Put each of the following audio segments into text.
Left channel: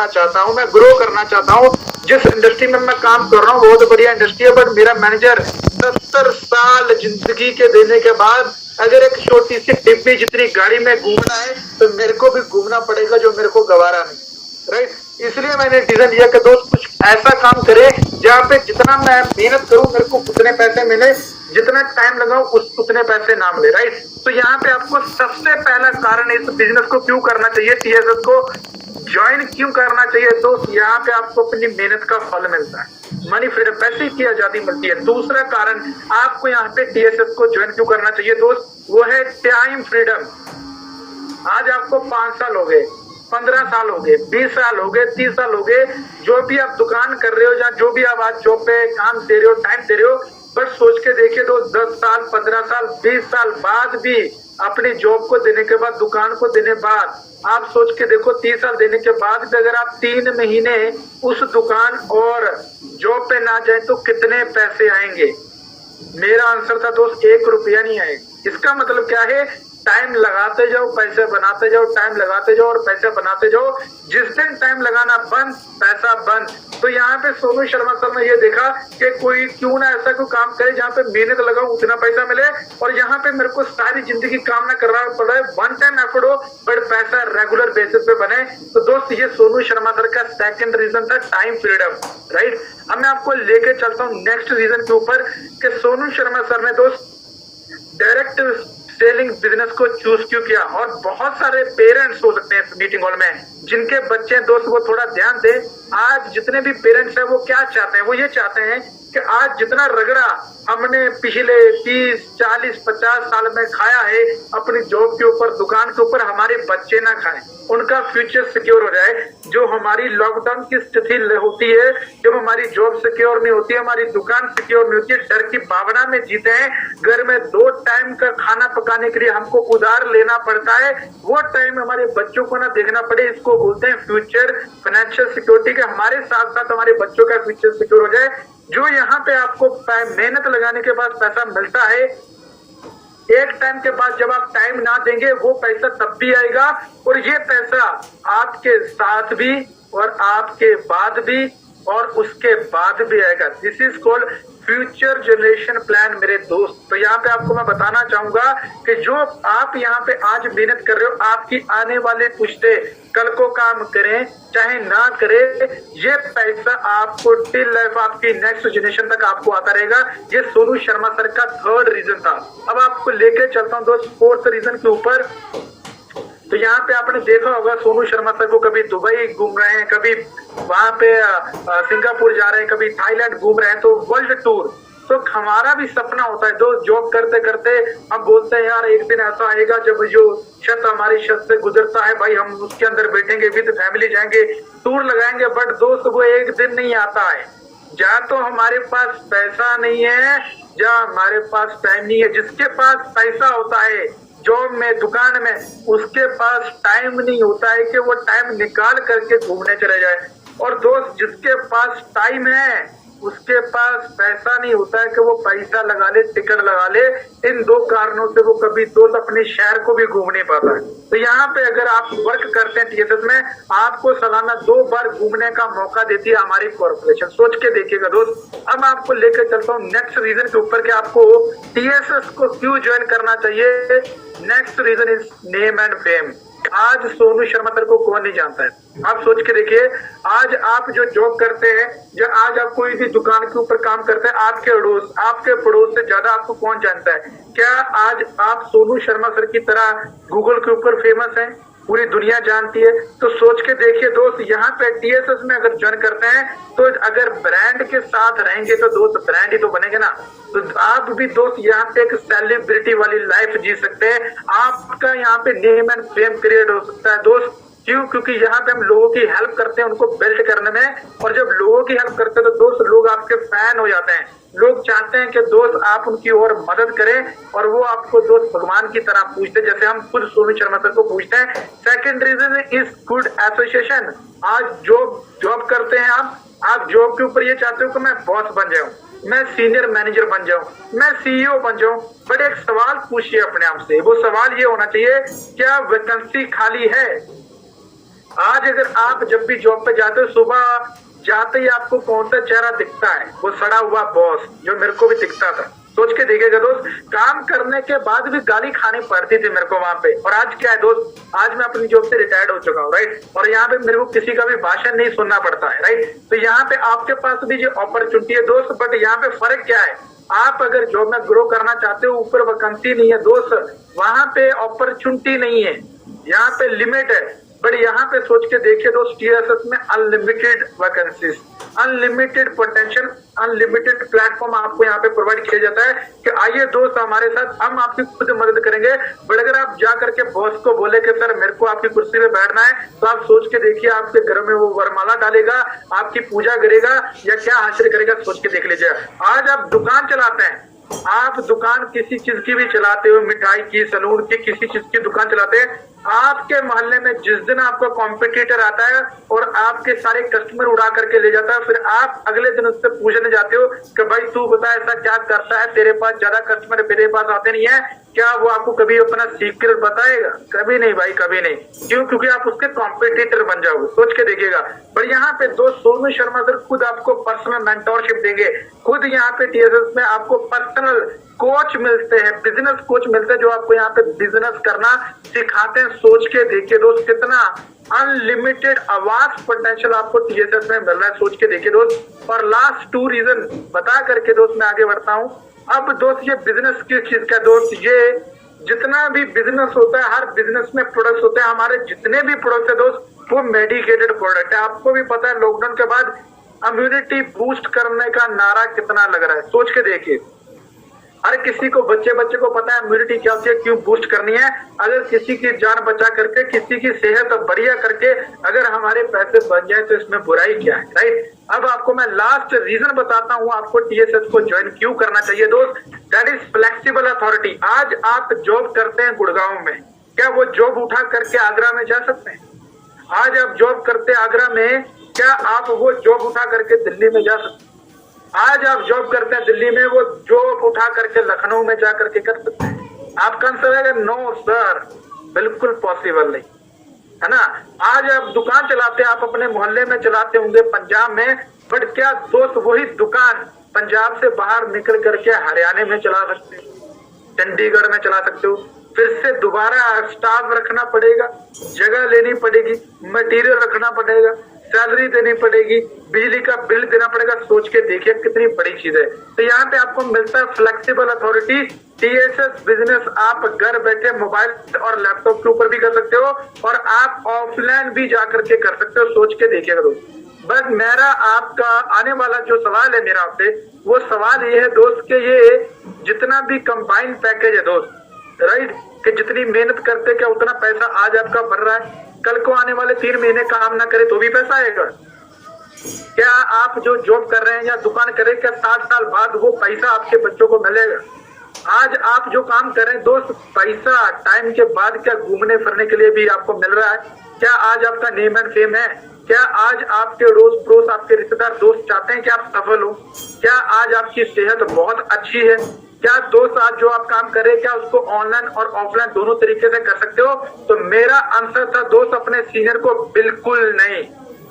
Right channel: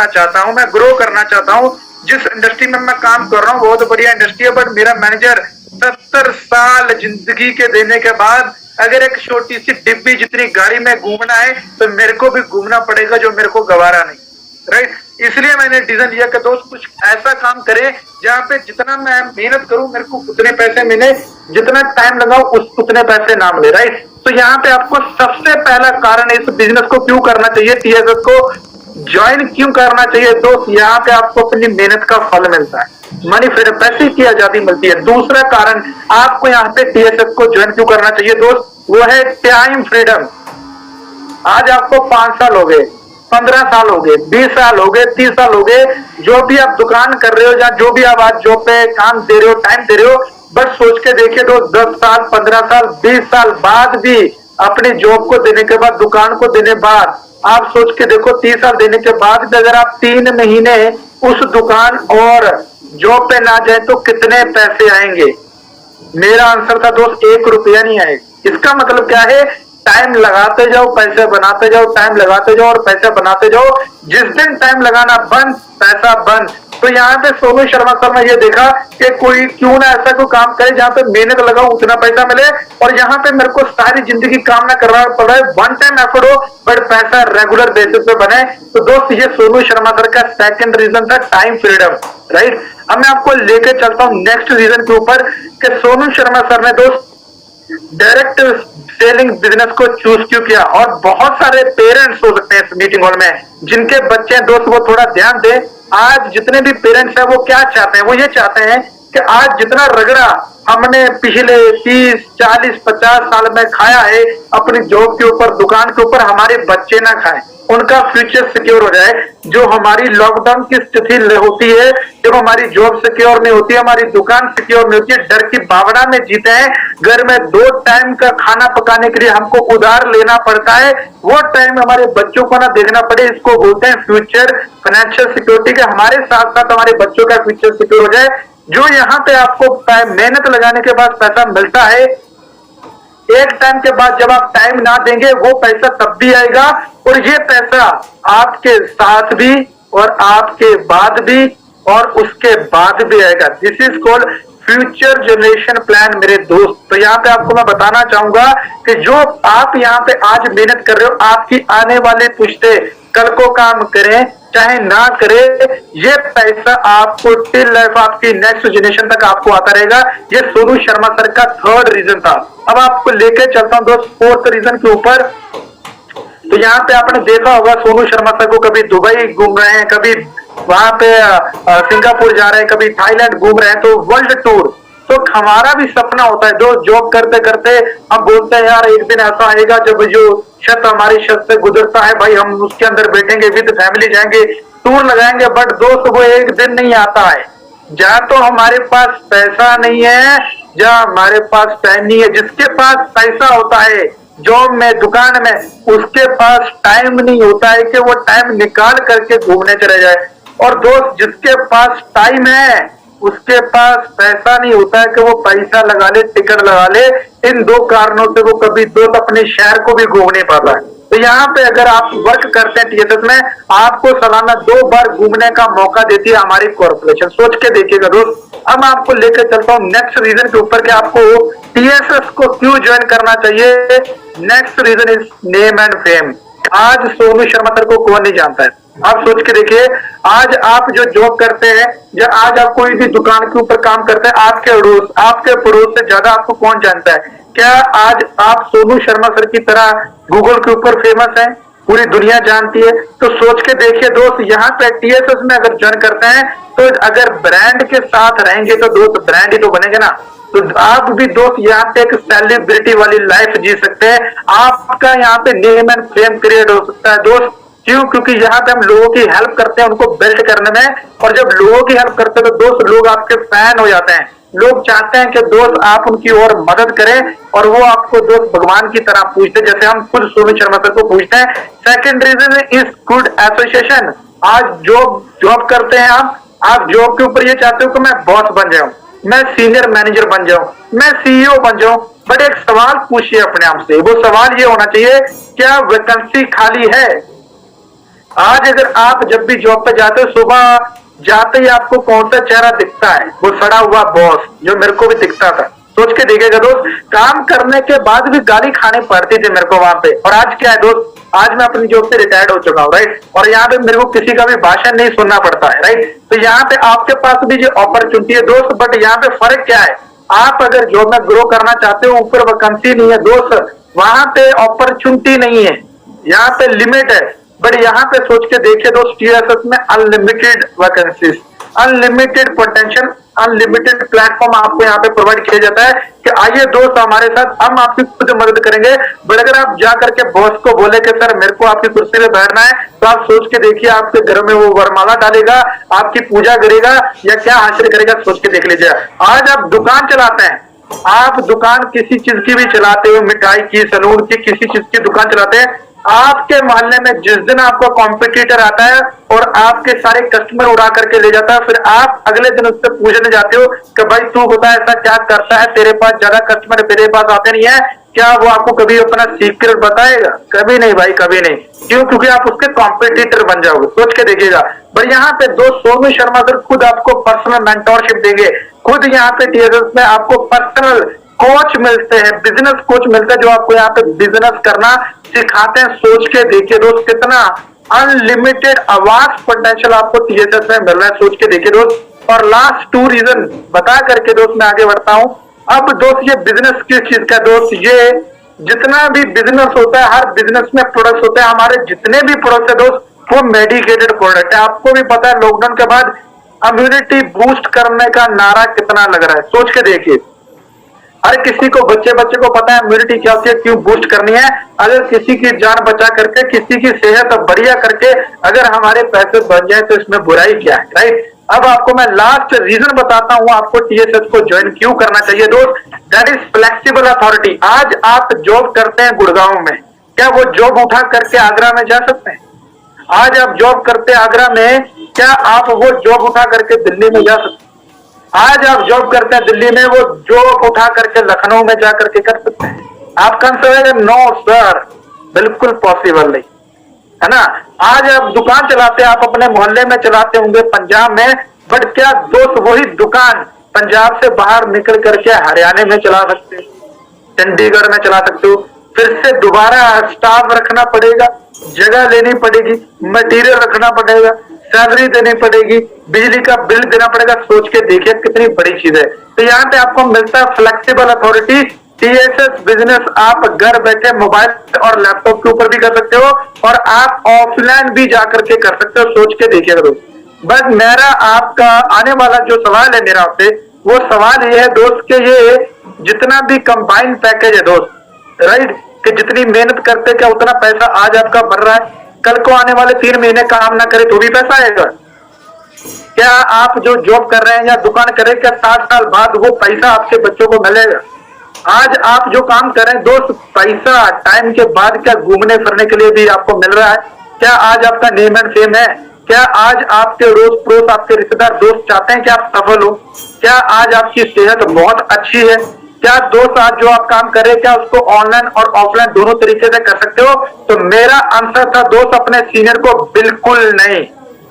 करना चाहता हूँ, मैं ग्रो करना चाहता हूँ। जिस इंडस्ट्री में मैं काम कर रहा हूँ बहुत बढ़िया इंडस्ट्री है, बट मेरा मैनेजर 70 साल जिंदगी के देने के बाद अगर एक छोटी सी डिब्बी जितनी गाड़ी में घूमना है तो मेरे को भी घूमना पड़ेगा, जो मेरे को गवारा नहीं। राइट, इसलिए मैंने डिसीजन लिया कि दोस्त कुछ ऐसा काम करे जहाँ पे जितना मैं मेहनत करूं मेरे को उतने पैसे मिले, जितना टाइम लगाओ उतने पैसे ना मिले। राइट, तो यहाँ पे आपको सबसे पहला कारण इस बिजनेस को क्यों करना चाहिए, टीएसएस को ज्वाइन क्यों करना चाहिए दोस्त, यहाँ पे आपको अपनी मेहनत का फल मिलता है, मनी फ्रीडम, पैसे की आजादी मिलती है। दूसरा कारण आपको यहाँ पे टीएसएस को ज्वाइन क्यों करना चाहिए दोस्त, वो है टाइम फ्रीडम। आज आपको 5 साल हो गए, 15 साल हो गए, 20 साल हो गए, 30 साल हो गए, जो भी आप दुकान कर रहे हो या जो भी आप आज जॉब पे काम दे रहे हो, टाइम दे रहे हो, बस सोच के देखिए तो 10 साल, 15 साल, 20 साल बाद भी अपनी जॉब को देने के बाद, दुकान को देने बाद, आप सोच के देखो 30 साल देने के बाद भी अगर आप 3 महीने उस दुकान और जॉब पे ना जाए तो कितने पैसे आएंगे। मेरा आंसर था दोस्त 1 रुपया नहीं आएगा। इसका मतलब क्या है, टाइम लगाते जाओ पैसे बनाते जाओ, टाइम लगाते जाओ और पैसे बनाते जाओ। जिस दिन टाइम लगाना बंद, पैसा बंद। तो यहाँ पे सोनू शर्मा सर ने ये देखा कि कोई क्यों ना ऐसा कोई काम करे जहाँ पे मेहनत लगाओ उतना पैसा मिले, और यहाँ पे मेरे को सारी जिंदगी काम ना करना पड़ रहा है, वन टाइम एफर्ट हो बट पैसा रेगुलर बेसिस पे बने। तो दोस्त ये सोनू शर्मा सर का सेकंड रीजन था, टाइम फ्रीडम। राइट, अब मैं आपको लेके चलता हूँ नेक्स्ट रीजन के ऊपर कि सोनू शर्मा सर ने दोस्त डायरेक्ट सेलिंग बिजनेस को चूज क्यों किया। और बहुत सारे पेरेंट्स हो सकते हैं इस मीटिंग हॉल में जिनके बच्चे हैं दोस्त, वो थोड़ा ध्यान दे। आज जितने भी पेरेंट्स हैं वो क्या चाहते हैं, वो ये चाहते हैं कि आज जितना रगड़ा हमने पिछले 30, 40, 50 साल में खाया है अपनी जॉब के ऊपर, दुकान के ऊपर, हमारे बच्चे ना खाएं, उनका फ्यूचर सिक्योर हो जाए। जो हमारी लॉकडाउन की स्थिति होती है, जब हमारी जॉब सिक्योर नहीं होती, हमारी दुकान सिक्योर नहीं होती है, डर की भावना में जीते हैं, घर में 2 टाइम का खाना पकाने के लिए हमको उधार लेना पड़ता है, वो टाइम हमारे बच्चों को ना देखना पड़े। इसको बोलते हैं फ्यूचर फाइनेंशियल सिक्योरिटी, के हमारे साथ साथ हमारे बच्चों का फ्यूचर सिक्योर हो जाए। जो यहाँ पे आपको मेहनत लगाने के बाद पैसा मिलता है, एक टाइम के बाद जब आप टाइम ना देंगे वो पैसा तब भी आएगा, और ये पैसा आपके साथ भी और आपके बाद भी और उसके बाद भी आएगा। This is called future generation plan मेरे दोस्त। तो यहाँ पे आपको मैं बताना चाहूंगा कि जो आप यहाँ पे आज मेहनत कर रहे हो, आपकी आने वाली पुश्ते कल को काम करें चाहे ना करे, ये पैसा आपको टिल लाइफ, आपकी नेक्स्ट जनरेशन तक आपको आता रहेगा। ये सोनू शर्मा सर का थर्ड रीजन था। अब आपको लेके चलता हूं दोस्त फोर्थ रीजन के ऊपर। तो यहाँ पे आपने देखा होगा सोनू शर्मा सर को कभी दुबई घूम रहे हैं, कभी वहां पे सिंगापुर जा रहे हैं, कभी थाईलैंड घूम रहे हैं, तो वर्ल्ड टूर। तो हमारा भी सपना होता है, जो जॉब करते करते हम बोलते हैं यार एक दिन ऐसा आएगा जब जो छत हमारी छत से गुजरता है भाई, हम उसके अंदर बैठेंगे, विद फैमिली जाएंगे, टूर लगाएंगे। बट दोस्त वो एक दिन नहीं आता है, या तो हमारे पास पैसा नहीं है या हमारे पास टाइम नहीं है। जिसके पास पैसा होता है जॉब में, दुकान में, उसके पास टाइम नहीं होता है कि वो टाइम निकाल करके घूमने चले जाए। और दोस्त जिसके पास टाइम है उसके पास पैसा नहीं होता है कि वो पैसा लगा ले, टिकट लगा ले। इन 2 कारणों से वो कभी दोस्त अपने शहर को भी घूम नहीं पाता है। तो यहाँ पे अगर आप वर्क करते हैं टीएसएस में, आपको सालाना 2 बार घूमने का मौका देती है हमारी कॉर्पोरेशन। सोच के देखिएगा दोस्त। अब मैं आपको लेकर चलता हूँ नेक्स्ट रीजन के ऊपर कि आपको टीएसएस को क्यों ज्वाइन करना चाहिए। Next reason is name and fame. आज सोनू शर्मा सर को कौन नहीं जानता है, आप सोच के देखिए। आज आप जो जॉब करते हैं या आज आप कोई भी दुकान के ऊपर काम करते हैं, आपके पड़ोस से ज्यादा आपको कौन जानता है? क्या आज आप सोनू शर्मा सर की तरह गूगल के ऊपर फेमस हैं, पूरी दुनिया जानती है? तो सोच के देखिए दोस्त, यहाँ पे टीएसएस में अगर ज्वाइन करते हैं तो अगर ब्रांड के साथ रहेंगे तो दोस्त ब्रांड ही तो बनेंगे ना। तो आप भी दोस्त यहाँ पे एक सेलिब्रिटी वाली लाइफ जी सकते हैं। आपका यहाँ पे नेम एंड फेम क्रिएट हो सकता है दोस्त। क्यों? क्योंकि यहाँ पे हम लोगों की हेल्प करते हैं उनको बिल्ड करने में, और जब लोगों की हेल्प करते हैं तो दोस्त लोग आपके फैन हो जाते हैं। लोग चाहते हैं कि दोस्त आप उनकी और मदद करें और वो आपको दोस्त भगवान की तरह पूछते हैं, जैसे हम खुद सोनू शर्मा सर को पूछते हैं। Second reason is good association. आज जॉब करते हैं आप जॉब के ऊपर ये चाहते हो कि मैं बॉस बन जाऊं, मैं सीनियर मैनेजर बन जाऊं, मैं सीईओ बन जाऊं। बट एक सवाल पूछिए अपने आप से, वो सवाल ये होना चाहिए क्या वैकेंसी खाली है? आज अगर आप जब भी जॉब पे जाते हो, सुबह जाते ही आपको कौन सा चेहरा दिखता है? वो सड़ा हुआ बॉस, जो मेरे को भी दिखता था। सोच के देखिएगा दोस्त, काम करने के बाद भी गाली खानी पड़ती थी मेरे को वहां पे। और आज क्या है दोस्त, आज मैं अपनी जॉब से रिटायर्ड हो चुका हूँ, राइट। और यहाँ पे मेरे को किसी का भी भाषण नहीं सुनना पड़ता है, राइट। तो यहाँ पे आपके पास भी जो अपॉर्चुनिटी है दोस्त, बट यहाँ पे फर्क क्या है, आप अगर जॉब में ग्रो करना चाहते हो, ऊपर वैकेंसी नहीं है दोस्त, वहां पे अपॉर्चुनिटी नहीं है, यहाँ पे लिमिट है। बट यहाँ पे सोच के देखिए दोस्त, टीएसएस में unlimited vacancies, unlimited potential, unlimited platform आपको यहाँ पे प्रोवाइड किया जाता है कि आइए दोस्त हमारे साथ, हम आपकी खुद मदद करेंगे। बट अगर आप जा करके बॉस को बोले कि सर मेरे को आपकी कुर्सी पे बैठना है, तो आप सोच के देखिए आपके घर में वो वरमाला डालेगा, आपकी पूजा करेगा या क्या हासिल करेगा, सोच के देख लीजिए। आज आप दुकान चलाते हैं, आप दुकान किसी चीज की भी चलाते हो, मिठाई की, सलून की, किसी चीज की दुकान चलाते हैं, आपके मोहल्ले में जिस दिन आपका कॉम्पिटिटर आता है और आपके सारे कस्टमर उड़ा करके ले जाता है, फिर आप अगले दिन उससे पूछने जाते हो कि भाई तू बता ऐसा क्या करता है, तेरे पास ज्यादा कस्टमर मेरे पास आते नहीं है क्या? वो आपको कभी अपना सीक्रेट बताएगा? कभी नहीं भाई, कभी नहीं। क्यों? क्योंकि आप उसके कॉम्पिटिटर बन जाओगे। सोच के देखिएगा। पर यहाँ पे दोस्त सोनू शर्मा सर खुद आपको पर्सनल मेंटोरशिप देंगे, खुद यहाँ पे टीएसएस में आपको पर्सनल कोच मिलते हैं, बिजनेस कोच मिलता है, जो आपको यहाँ पे बिजनेस करना सिखाते हैं। सोच के देखिए दोस्त, कितना अनलिमिटेड आवाज पोटेंशियल आपको टीएसएस में मिल रहा है, सोच के देखिए दोस्त। और लास्ट 2 रीजन बता करके दोस्त मैं आगे बढ़ता हूँ। अब दोस्त ये बिजनेस किस चीज का दोस्त, ये जितना भी बिजनेस होता है, हर बिजनेस में प्रोडक्ट होते हैं, हमारे जितने भी प्रोडक्ट है दोस्त वो मेडिकेटेड प्रोडक्ट है। आपको भी पता है लॉकडाउन के बाद इम्यूनिटी बूस्ट करने का नारा कितना लग रहा है, सोच के देखिए। हर किसी को, बच्चे को पता है इम्यूनिटी क्या होती है, क्यों बूस्ट करनी है। अगर किसी की जान बचा करके, किसी की सेहत बढ़िया करके अगर हमारे पैसे बन जाए तो इसमें बुराई क्या है, राइट। अब आपको मैं लास्ट रीजन बताता हूं आपको टीएसएस को ज्वाइन क्यों करना चाहिए दोस्त, दैट इज फ्लेक्सिबल अथॉरिटी। आज आप जॉब करते हैं गुड़गांव में, क्या वो जॉब उठा करके आगरा में जा सकते हैं? आज आप जॉब करते हैं आगरा में, क्या आप वो जॉब उठा करके दिल्ली में जा सकते हैं? आज आप जॉब करते हैं दिल्ली में, वो जॉब उठा करके लखनऊ में जाकर के कर सकते हैं? आप कंसिडर नो सर, बिल्कुल पॉसिबल नहीं है ना। आज आप दुकान चलाते हैं, आप अपने मोहल्ले में चलाते होंगे पंजाब में, बट क्या दोस्त वही दुकान पंजाब से बाहर निकल करके हरियाणा में चला सकते हो, चंडीगढ़ में चला सकते हो? फिर से दोबारा स्टाफ रखना पड़ेगा, जगह लेनी पड़ेगी, मटेरियल रखना पड़ेगा, सैलरी देनी पड़ेगी, बिजली का बिल देना पड़ेगा। सोच के देखिए कितनी बड़ी चीज है। तो यहाँ पे आपको मिलता है फ्लेक्सिबल अथॉरिटी। टीएसएस बिजनेस आप घर बैठे मोबाइल और लैपटॉप के ऊपर भी कर सकते हो और आप ऑफलाइन भी जाकर के कर सकते हो। सोच के देखिएगा दोस्त। बस मेरा आपका आने वाला जो सवाल है मेरा आपसे, वो सवाल ये है दोस्त कि ये जितना भी कंबाइंड पैकेज है दोस्त, राइट, कि जितनी मेहनत करते क्या उतना पैसा आज आपका बढ़ रहा है, कल को आने वाले 3 महीने काम ना करे तो भी पैसा आएगा? क्या आप जो जॉब कर रहे हैं या दुकान कर रहे हैं, क्या 60 साल बाद वो पैसा आपके बच्चों को मिलेगा? आज आप जो काम कर रहे हैं दोस्त, पैसा टाइम के बाद क्या घूमने फिरने के लिए भी आपको मिल रहा है? क्या आज आपका नेम एंड फेम है? क्या आज आपके रोज पड़ोस, आपके रिश्तेदार दोस्त चाहते हैं कि आप सफल हो? क्या आज आपकी सेहत बहुत अच्छी है? क्या दोस्त आज जो आप काम कर रहे हैं, क्या उसको ऑनलाइन और ऑफलाइन दोनों तरीके से कर सकते हो? तो मेरा आंसर था दोस्त अपने सीनियर को, बिल्कुल नहीं,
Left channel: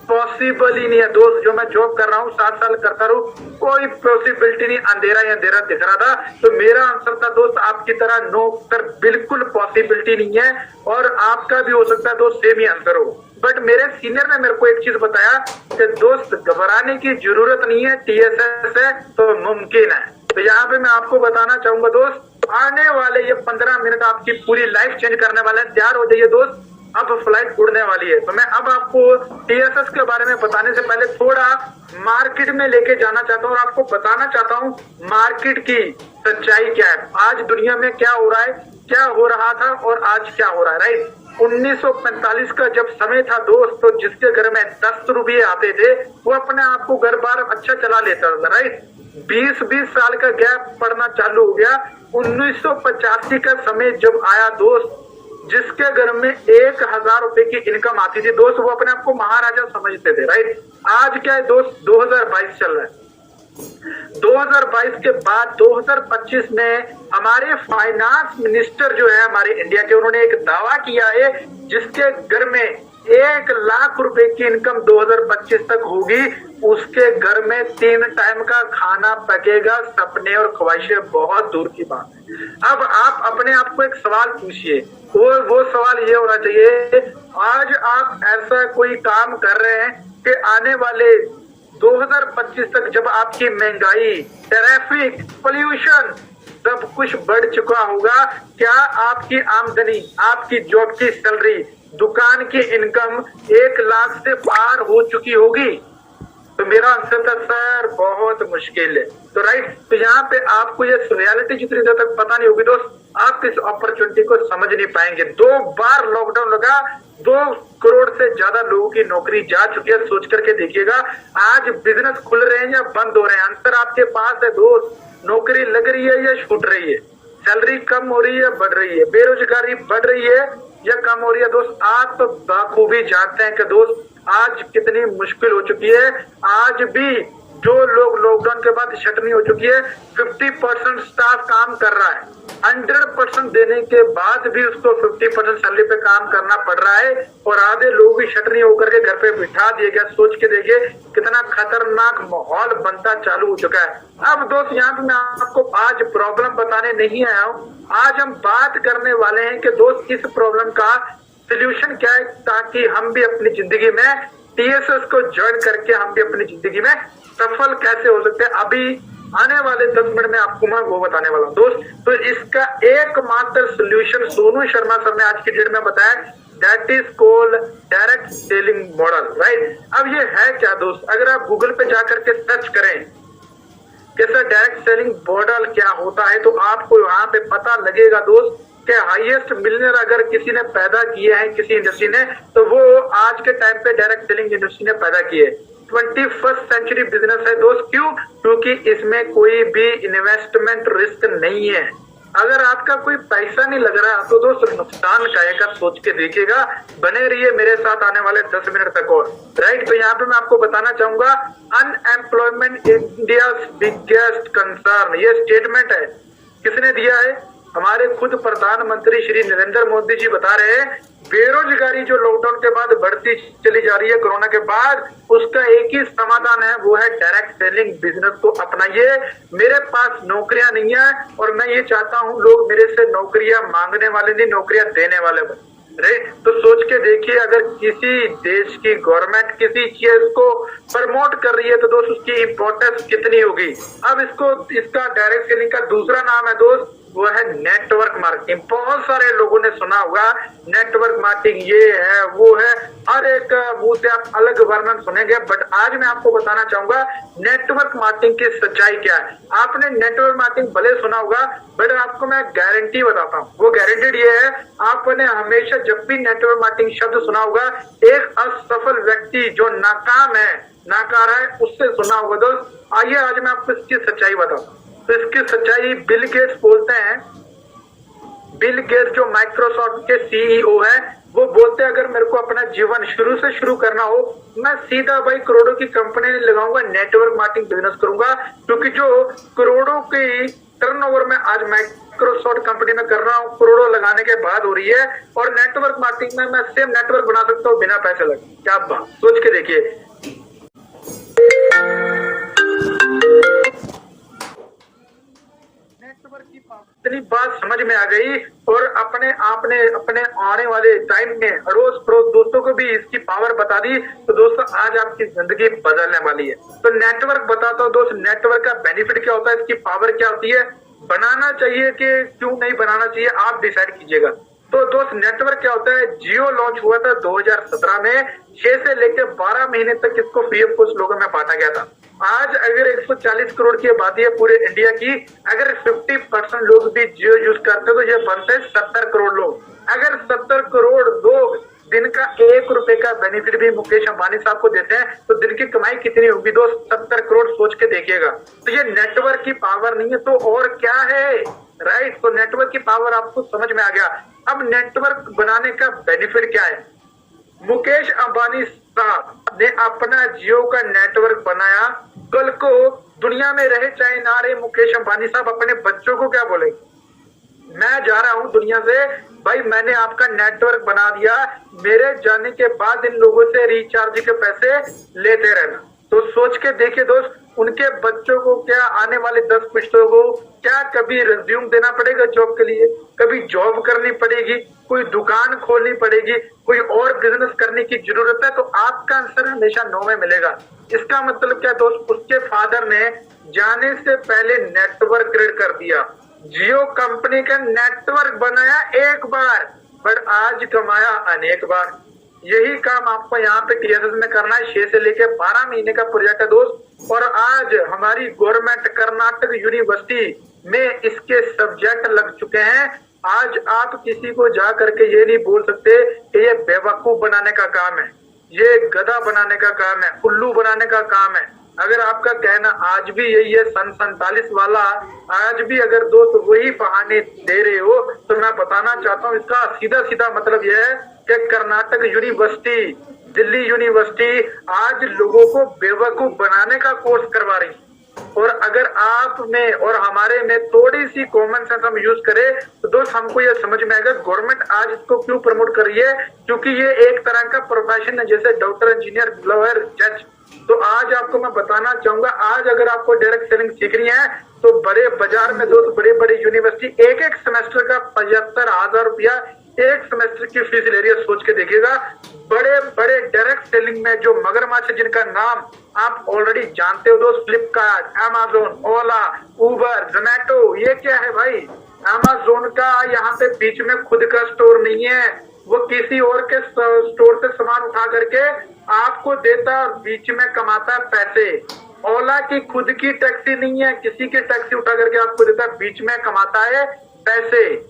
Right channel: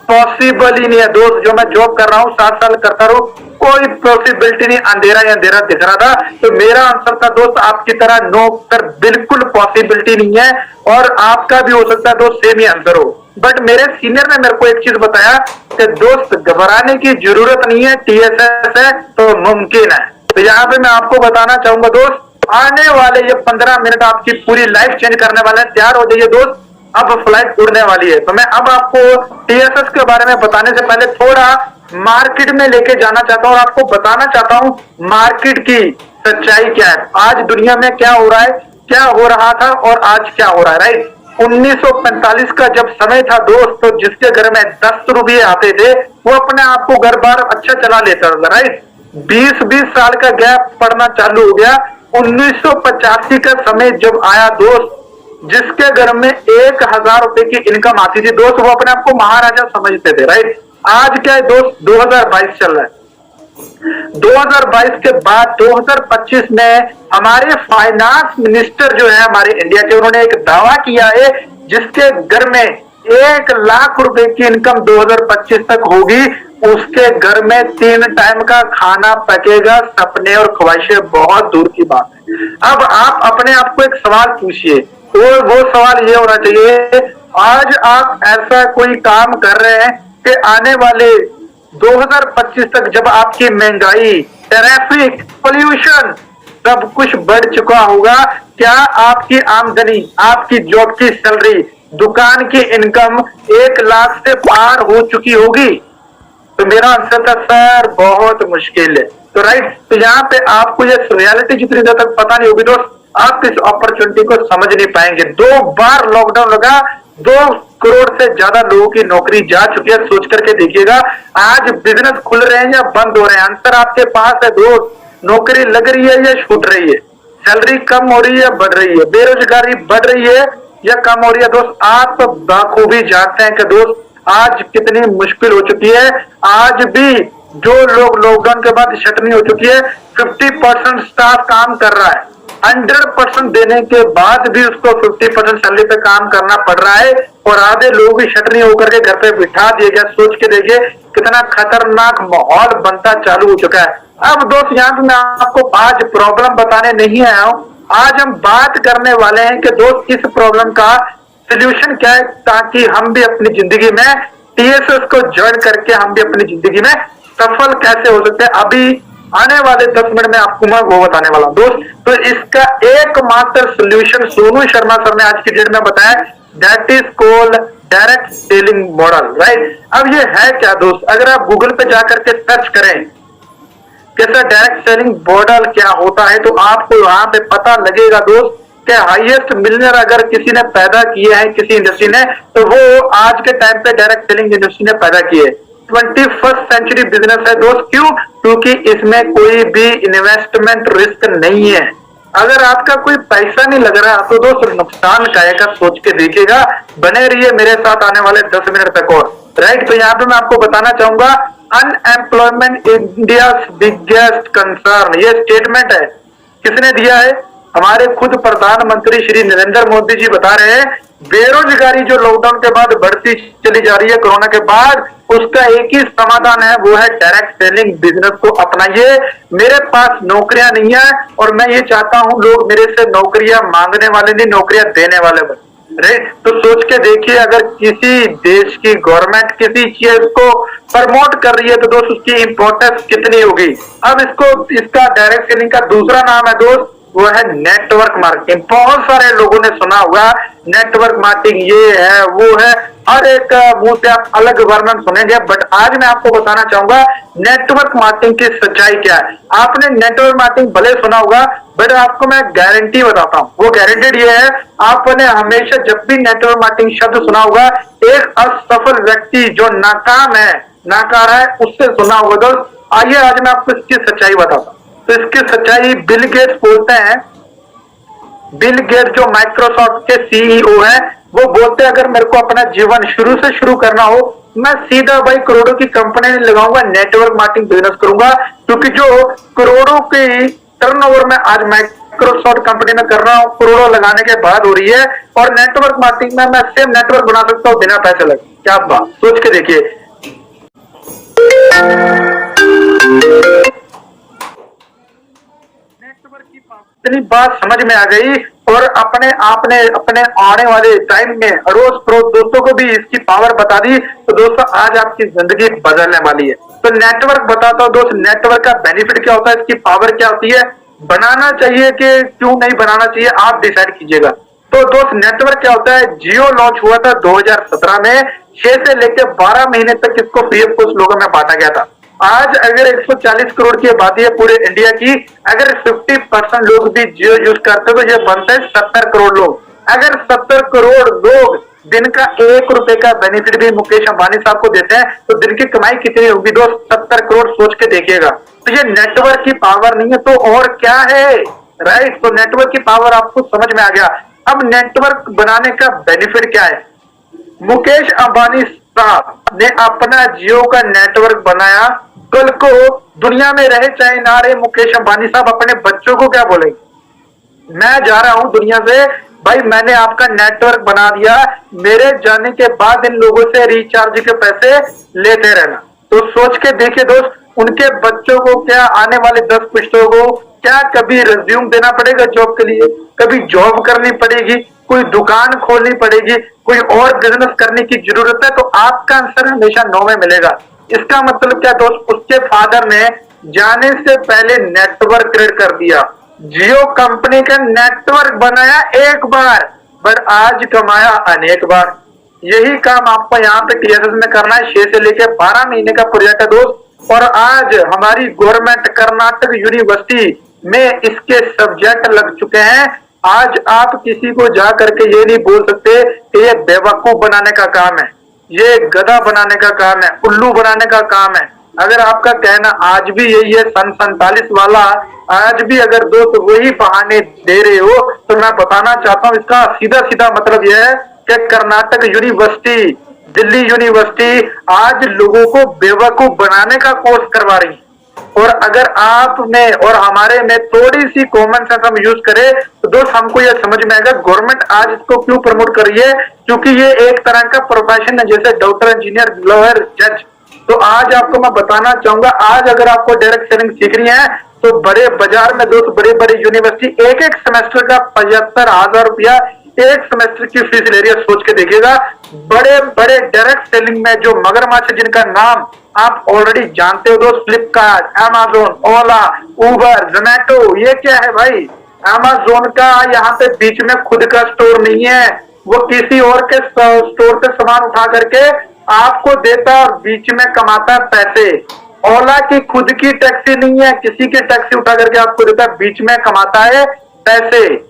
पॉसिबल ही नहीं है दोस्त। जो मैं जॉब कर रहा हूँ 7 साल करता रहूं, कोई पॉसिबिलिटी नहीं, अंधेरा ही अंधेरा दिख रहा था। तो मेरा आंसर था दोस्त आपकी तरह नो कर, बिल्कुल पॉसिबिलिटी नहीं है। और आपका भी हो सकता है दोस्त सेम ही आंसर हो। बट मेरे सीनियर ने मेरे को एक चीज बताया कि दोस्त घबराने की जरूरत नहीं है, टीएसएस है तो मुमकिन है। तो यहाँ पे मैं आपको बताना चाहूंगा दोस्त, आने वाले ये 15 मिनट आपकी पूरी लाइफ चेंज करने वाले हैं। तैयार हो जाइए दोस्त, अब फ्लाइट उड़ने वाली है। तो मैं अब आपको टीएसएस के बारे में बताने से पहले थोड़ा मार्केट में लेके जाना चाहता हूँ और आपको बताना चाहता हूँ मार्केट की सच्चाई क्या है, आज दुनिया में क्या हो रहा है, क्या हो रहा था और आज क्या हो रहा है, राइट। 1945 का जब समय था दोस्त, तो जिसके घर में 10 रुपये आते थे वो अपने आप को घर बार अच्छा चला लेता था, राइट। 20-20 साल का गैप पड़ना चालू हो गया। 1985 का समय जब आया दोस्त, जिसके घर में 1000 रुपए की इनकम आती थी दोस्त, वो अपने आप को महाराजा समझते थे, राइट। आज क्या है दोस्त, 2022 चल रहा है। 2022 के बाद 2025 में हमारे फाइनेंस मिनिस्टर जो है हमारे इंडिया के, उन्होंने एक दावा किया है जिसके घर में 1 लाख रुपए की इनकम 2025 तक होगी, उसके घर में 3 टाइम का खाना पकेगा। सपने और ख्वाहिशें बहुत दूर की बात है। अब आप अपने आप को एक सवाल पूछिए, और वो सवाल ये होना चाहिए, आज आप ऐसा कोई काम कर रहे हैं कि आने वाले 2025 तक जब आपकी महंगाई, ट्रैफिक, पोल्यूशन सब कुछ बढ़ चुका होगा, क्या आपकी आमदनी, आपकी जॉब की सैलरी, दुकान की इनकम 1 लाख से पार हो चुकी होगी? तो मेरा आंसर था सर बहुत मुश्किल है। तो राइट, तो यहाँ पे आपको ये रियलिटी जितनी देर तक पता नहीं होगी दोस्त, आप इस अपॉर्चुनिटी को समझ नहीं पाएंगे। 2 बार लॉकडाउन लगा, 2 करोड़ से ज्यादा लोगों की नौकरी जा चुकी है। सोच करके देखिएगा, आज बिजनेस खुल रहे हैं या बंद हो रहे हैं, आंसर आपके पास है दोस्त। नौकरी लग रही है या छूट रही है, सैलरी कम हो रही है या बढ़ रही है, बेरोजगारी बढ़ रही है या कम हो रही है? दोस्त आप तो बाखूबी जानते हैं कि दोस्त आज कितनी मुश्किल हो चुकी है। आज भी जो लोग लॉकडाउन के बाद छटनी हो चुकी है, 50% स्टाफ काम कर रहा है, 100% देने के बाद भी उसको 50% सैलरी पे काम करना पड़ रहा है, और आधे लोग भी छटनी होकर के घर पे बिठा दिए गए। सोच के देखिए कितना खतरनाक माहौल बनता चालू हो चुका है। अब दोस्त यहाँ पे मैं आपको आज प्रॉब्लम बताने नहीं आया हूँ, आज हम बात करने वाले हैं कि दोस्त इस प्रॉब्लम का सोल्यूशन क्या है, ताकि हम भी अपनी जिंदगी में टीएसएस को ज्वाइन करके हम भी अपनी जिंदगी में सफल कैसे हो सकते हैं। अभी आने वाले 10 मिनट में आपको मैं वो बताने वाला हूं दोस्त। तो इसका एकमात्र सोल्यूशन सोनू शर्मा सर ने आज की डेट में बताया, that is called direct selling model, right. अब ये है क्या दोस्त, अगर आप गूगल पे जाकर के सर्च करें कैसा डायरेक्ट सेलिंग मॉडल क्या होता है, तो आपको वहां पे पता लगेगा दोस्त कि हाईएस्ट मिलियनर अगर किसी ने पैदा किए हैं किसी इंडस्ट्री ने, तो वो आज के टाइम पे डायरेक्ट सेलिंग इंडस्ट्री ने पैदा किए। 21st सेंचुरी बिजनेस है दोस्त। क्यों? क्योंकि इसमें कोई भी इन्वेस्टमेंट रिस्क नहीं है। अगर आपका कोई पैसा नहीं लग रहा तो दोस्त नुकसान का है, सोच के देखिएगा। बने रहिए मेरे साथ आने वाले 10 मिनट तक और, राइट। तो यहाँ पे मैं आपको बताना चाहूंगा, अनएम्प्लॉयमेंट इंडिया बिगेस्ट कंसर्न, ये स्टेटमेंट है, किसने दिया है? हमारे खुद प्रधानमंत्री श्री नरेंद्र मोदी जी बता रहे हैं, बेरोजगारी जो लॉकडाउन के बाद बढ़ती चली जा रही है कोरोना के बाद, उसका एक ही समाधान है, वो है डायरेक्ट सेलिंग बिजनेस को अपनाइए। मेरे पास नौकरियां नहीं है और मैं ये चाहता हूं लोग मेरे से नौकरियां मांगने वाले नहीं, नौकरियां देने वाले बने, राइट। तो सोच के देखिए, अगर किसी देश की गवर्नमेंट किसी चीज को प्रमोट कर रही है तो दोस्त उसकी इंपॉर्टेंस कितनी होगी। अब इसका डायरेक्ट सेलिंग का दूसरा नाम है दोस्त, वो है नेटवर्क मार्केटिंग। बहुत सारे लोगों ने सुना होगा नेटवर्क मार्केटिंग, ये है वो है, हर एक मुंह से आप अलग वर्णन सुनेंगे, बट आज मैं आपको बताना चाहूंगा नेटवर्क मार्केटिंग की सच्चाई क्या है। आपने नेटवर्क मार्केटिंग भले सुना होगा, बट आपको मैं गारंटी बताता हूँ, वो गारंटेड ये है, आपने हमेशा जब भी नेटवर्क मार्केटिंग शब्द सुना होगा, एक असफल व्यक्ति जो नाकाम है, नाकार है, उससे सुना होगा दोस्त। आइए आज मैं आपको इसकी सच्चाई बताता हूँ। तो इसकी सच्चाई बिल गेट्स बोलते हैं। बिल गेट्स जो माइक्रोसॉफ्ट के सीईओ हैं, वो बोलते हैं अगर मेरे को अपना जीवन शुरू से शुरू करना हो, मैं सीधा भाई करोड़ों की कंपनी नहीं लगाऊंगा, नेटवर्क मार्केटिंग बिजनेस करूंगा। क्योंकि जो करोड़ों की टर्नओवर में आज माइक्रोसॉफ्ट कंपनी में कर रहा हूं, करोड़ों लगाने के बाद हो रही है, और नेटवर्क मार्केटिंग में मैं सेम नेटवर्क बना सकता हूं बिना पैसे लगे। क्या बात, सोच के देखिए। इतनी बात समझ में आ गई, और अपने आने वाले टाइम में अड़ोस पड़ोस दोस्तों को भी इसकी पावर बता दी, तो दोस्तों आज आपकी जिंदगी बदलने वाली है। तो नेटवर्क बताता हूं दोस्त, नेटवर्क का बेनिफिट क्या होता है, इसकी पावर क्या होती है, बनाना चाहिए कि क्यों नहीं बनाना चाहिए, आप डिसाइड कीजिएगा। तो दोस्त नेटवर्क क्या होता है, जियो लॉन्च हुआ था 2017 में, 6 से लेकर 12 महीने तक इसको फ्री ऑफ कॉस्ट लोगों में बांटा गया था। आज अगर 140 करोड़ की आबादी है पूरे इंडिया की, अगर 50% लोग भी जियो यूज करते तो ये बनते हैं 70 करोड़ लोग। अगर 70 करोड़ लोग दिन का 1 रुपए का बेनिफिट भी मुकेश अंबानी साहब को देते हैं, तो दिन की कमाई कितनी होगी दोस्त? 70 करोड़, सोच के देखिएगा। तो ये नेटवर्क की पावर नहीं है तो और क्या है, राइट। तो नेटवर्क की पावर आपको समझ में आ गया। अब नेटवर्क बनाने का बेनिफिट क्या है? मुकेश अंबानी साहब ने अपना जियो का नेटवर्क बनाया, कल को दुनिया में रहे चाहे ना रहे, मुकेश अंबानी साहब अपने बच्चों को क्या बोलेंगे, मैं जा रहा हूं दुनिया से, भाई मैंने आपका नेटवर्क बना दिया, मेरे जाने के बाद इन लोगों से रिचार्ज के पैसे लेते रहना। तो सोच के देखिए दोस्त, उनके बच्चों को क्या आने वाले 10 पीढ़ियों को क्या कभी रिज्यूम देना पड़ेगा जॉब के लिए, कभी जॉब करनी पड़ेगी, कोई दुकान खोलनी पड़ेगी, कोई और बिजनेस करने की जरूरत है? तो आपका आंसर हमेशा नो में मिलेगा। इसका मतलब क्या दोस्त, उसके फादर ने जाने से पहले नेटवर्क क्रिएट कर दिया, जियो कंपनी का नेटवर्क बनाया एक बार, पर आज कमाया अनेक बार। यही काम आपको यहाँ पे टीएसएस में करना है। 6 से लेकर 12 महीने का प्रोजेक्ट है दोस्त, और आज हमारी गवर्नमेंट कर्नाटक यूनिवर्सिटी में इसके सब्जेक्ट लग चुके हैं। आज आप किसी को जा करके ये नहीं बोल सकते कि ये बेवकूफ बनाने का काम है, ये गधा बनाने का काम है, उल्लू बनाने का काम है। अगर आपका कहना आज भी यही है, सन 47 वाला, आज भी अगर दोस्त वही बहाने दे रहे हो, तो मैं बताना चाहता हूं इसका सीधा सीधा मतलब यह है कि कर्नाटक यूनिवर्सिटी, दिल्ली यूनिवर्सिटी आज लोगों को बेवकूफ बनाने का कोर्स करवा रही है। और अगर आप में और हमारे में थोड़ी सी कॉमन सेंस हम यूज करें तो दोस्त हमको यह समझ में आएगा गवर्नमेंट आज इसको क्यों प्रमोट कर रही है, क्योंकि ये एक तरह का प्रोफेशन है, जैसे डॉक्टर, इंजीनियर, लॉयर, जज। तो आज आपको मैं बताना चाहूंगा, आज अगर आपको डायरेक्ट सेलिंग सीखनी है तो बड़े बाजार में दोस्त, बड़े बड़े यूनिवर्सिटी एक एक सेमेस्टर का 75,000 रुपया एक सेमेस्टर की फीस ले रही है। सोच के देखिएगा, बड़े बड़े डायरेक्ट सेलिंग में जो मगरमच्छ जिनका नाम आप ऑलरेडी जानते हो दोस्त, फ्लिपकार्ट, अमेज़न, ओला, उबर, जोमेटो, ये क्या है भाई? अमेज़न का यहाँ पे बीच में खुद का स्टोर नहीं है, वो किसी और के स्टोर से सामान उठा करके आपको देता है और बीच में कमाता है पैसे। ओला की खुद की टैक्सी नहीं है, किसी की टैक्सी उठा करके आपको देता है, बीच में कमाता है पैसे।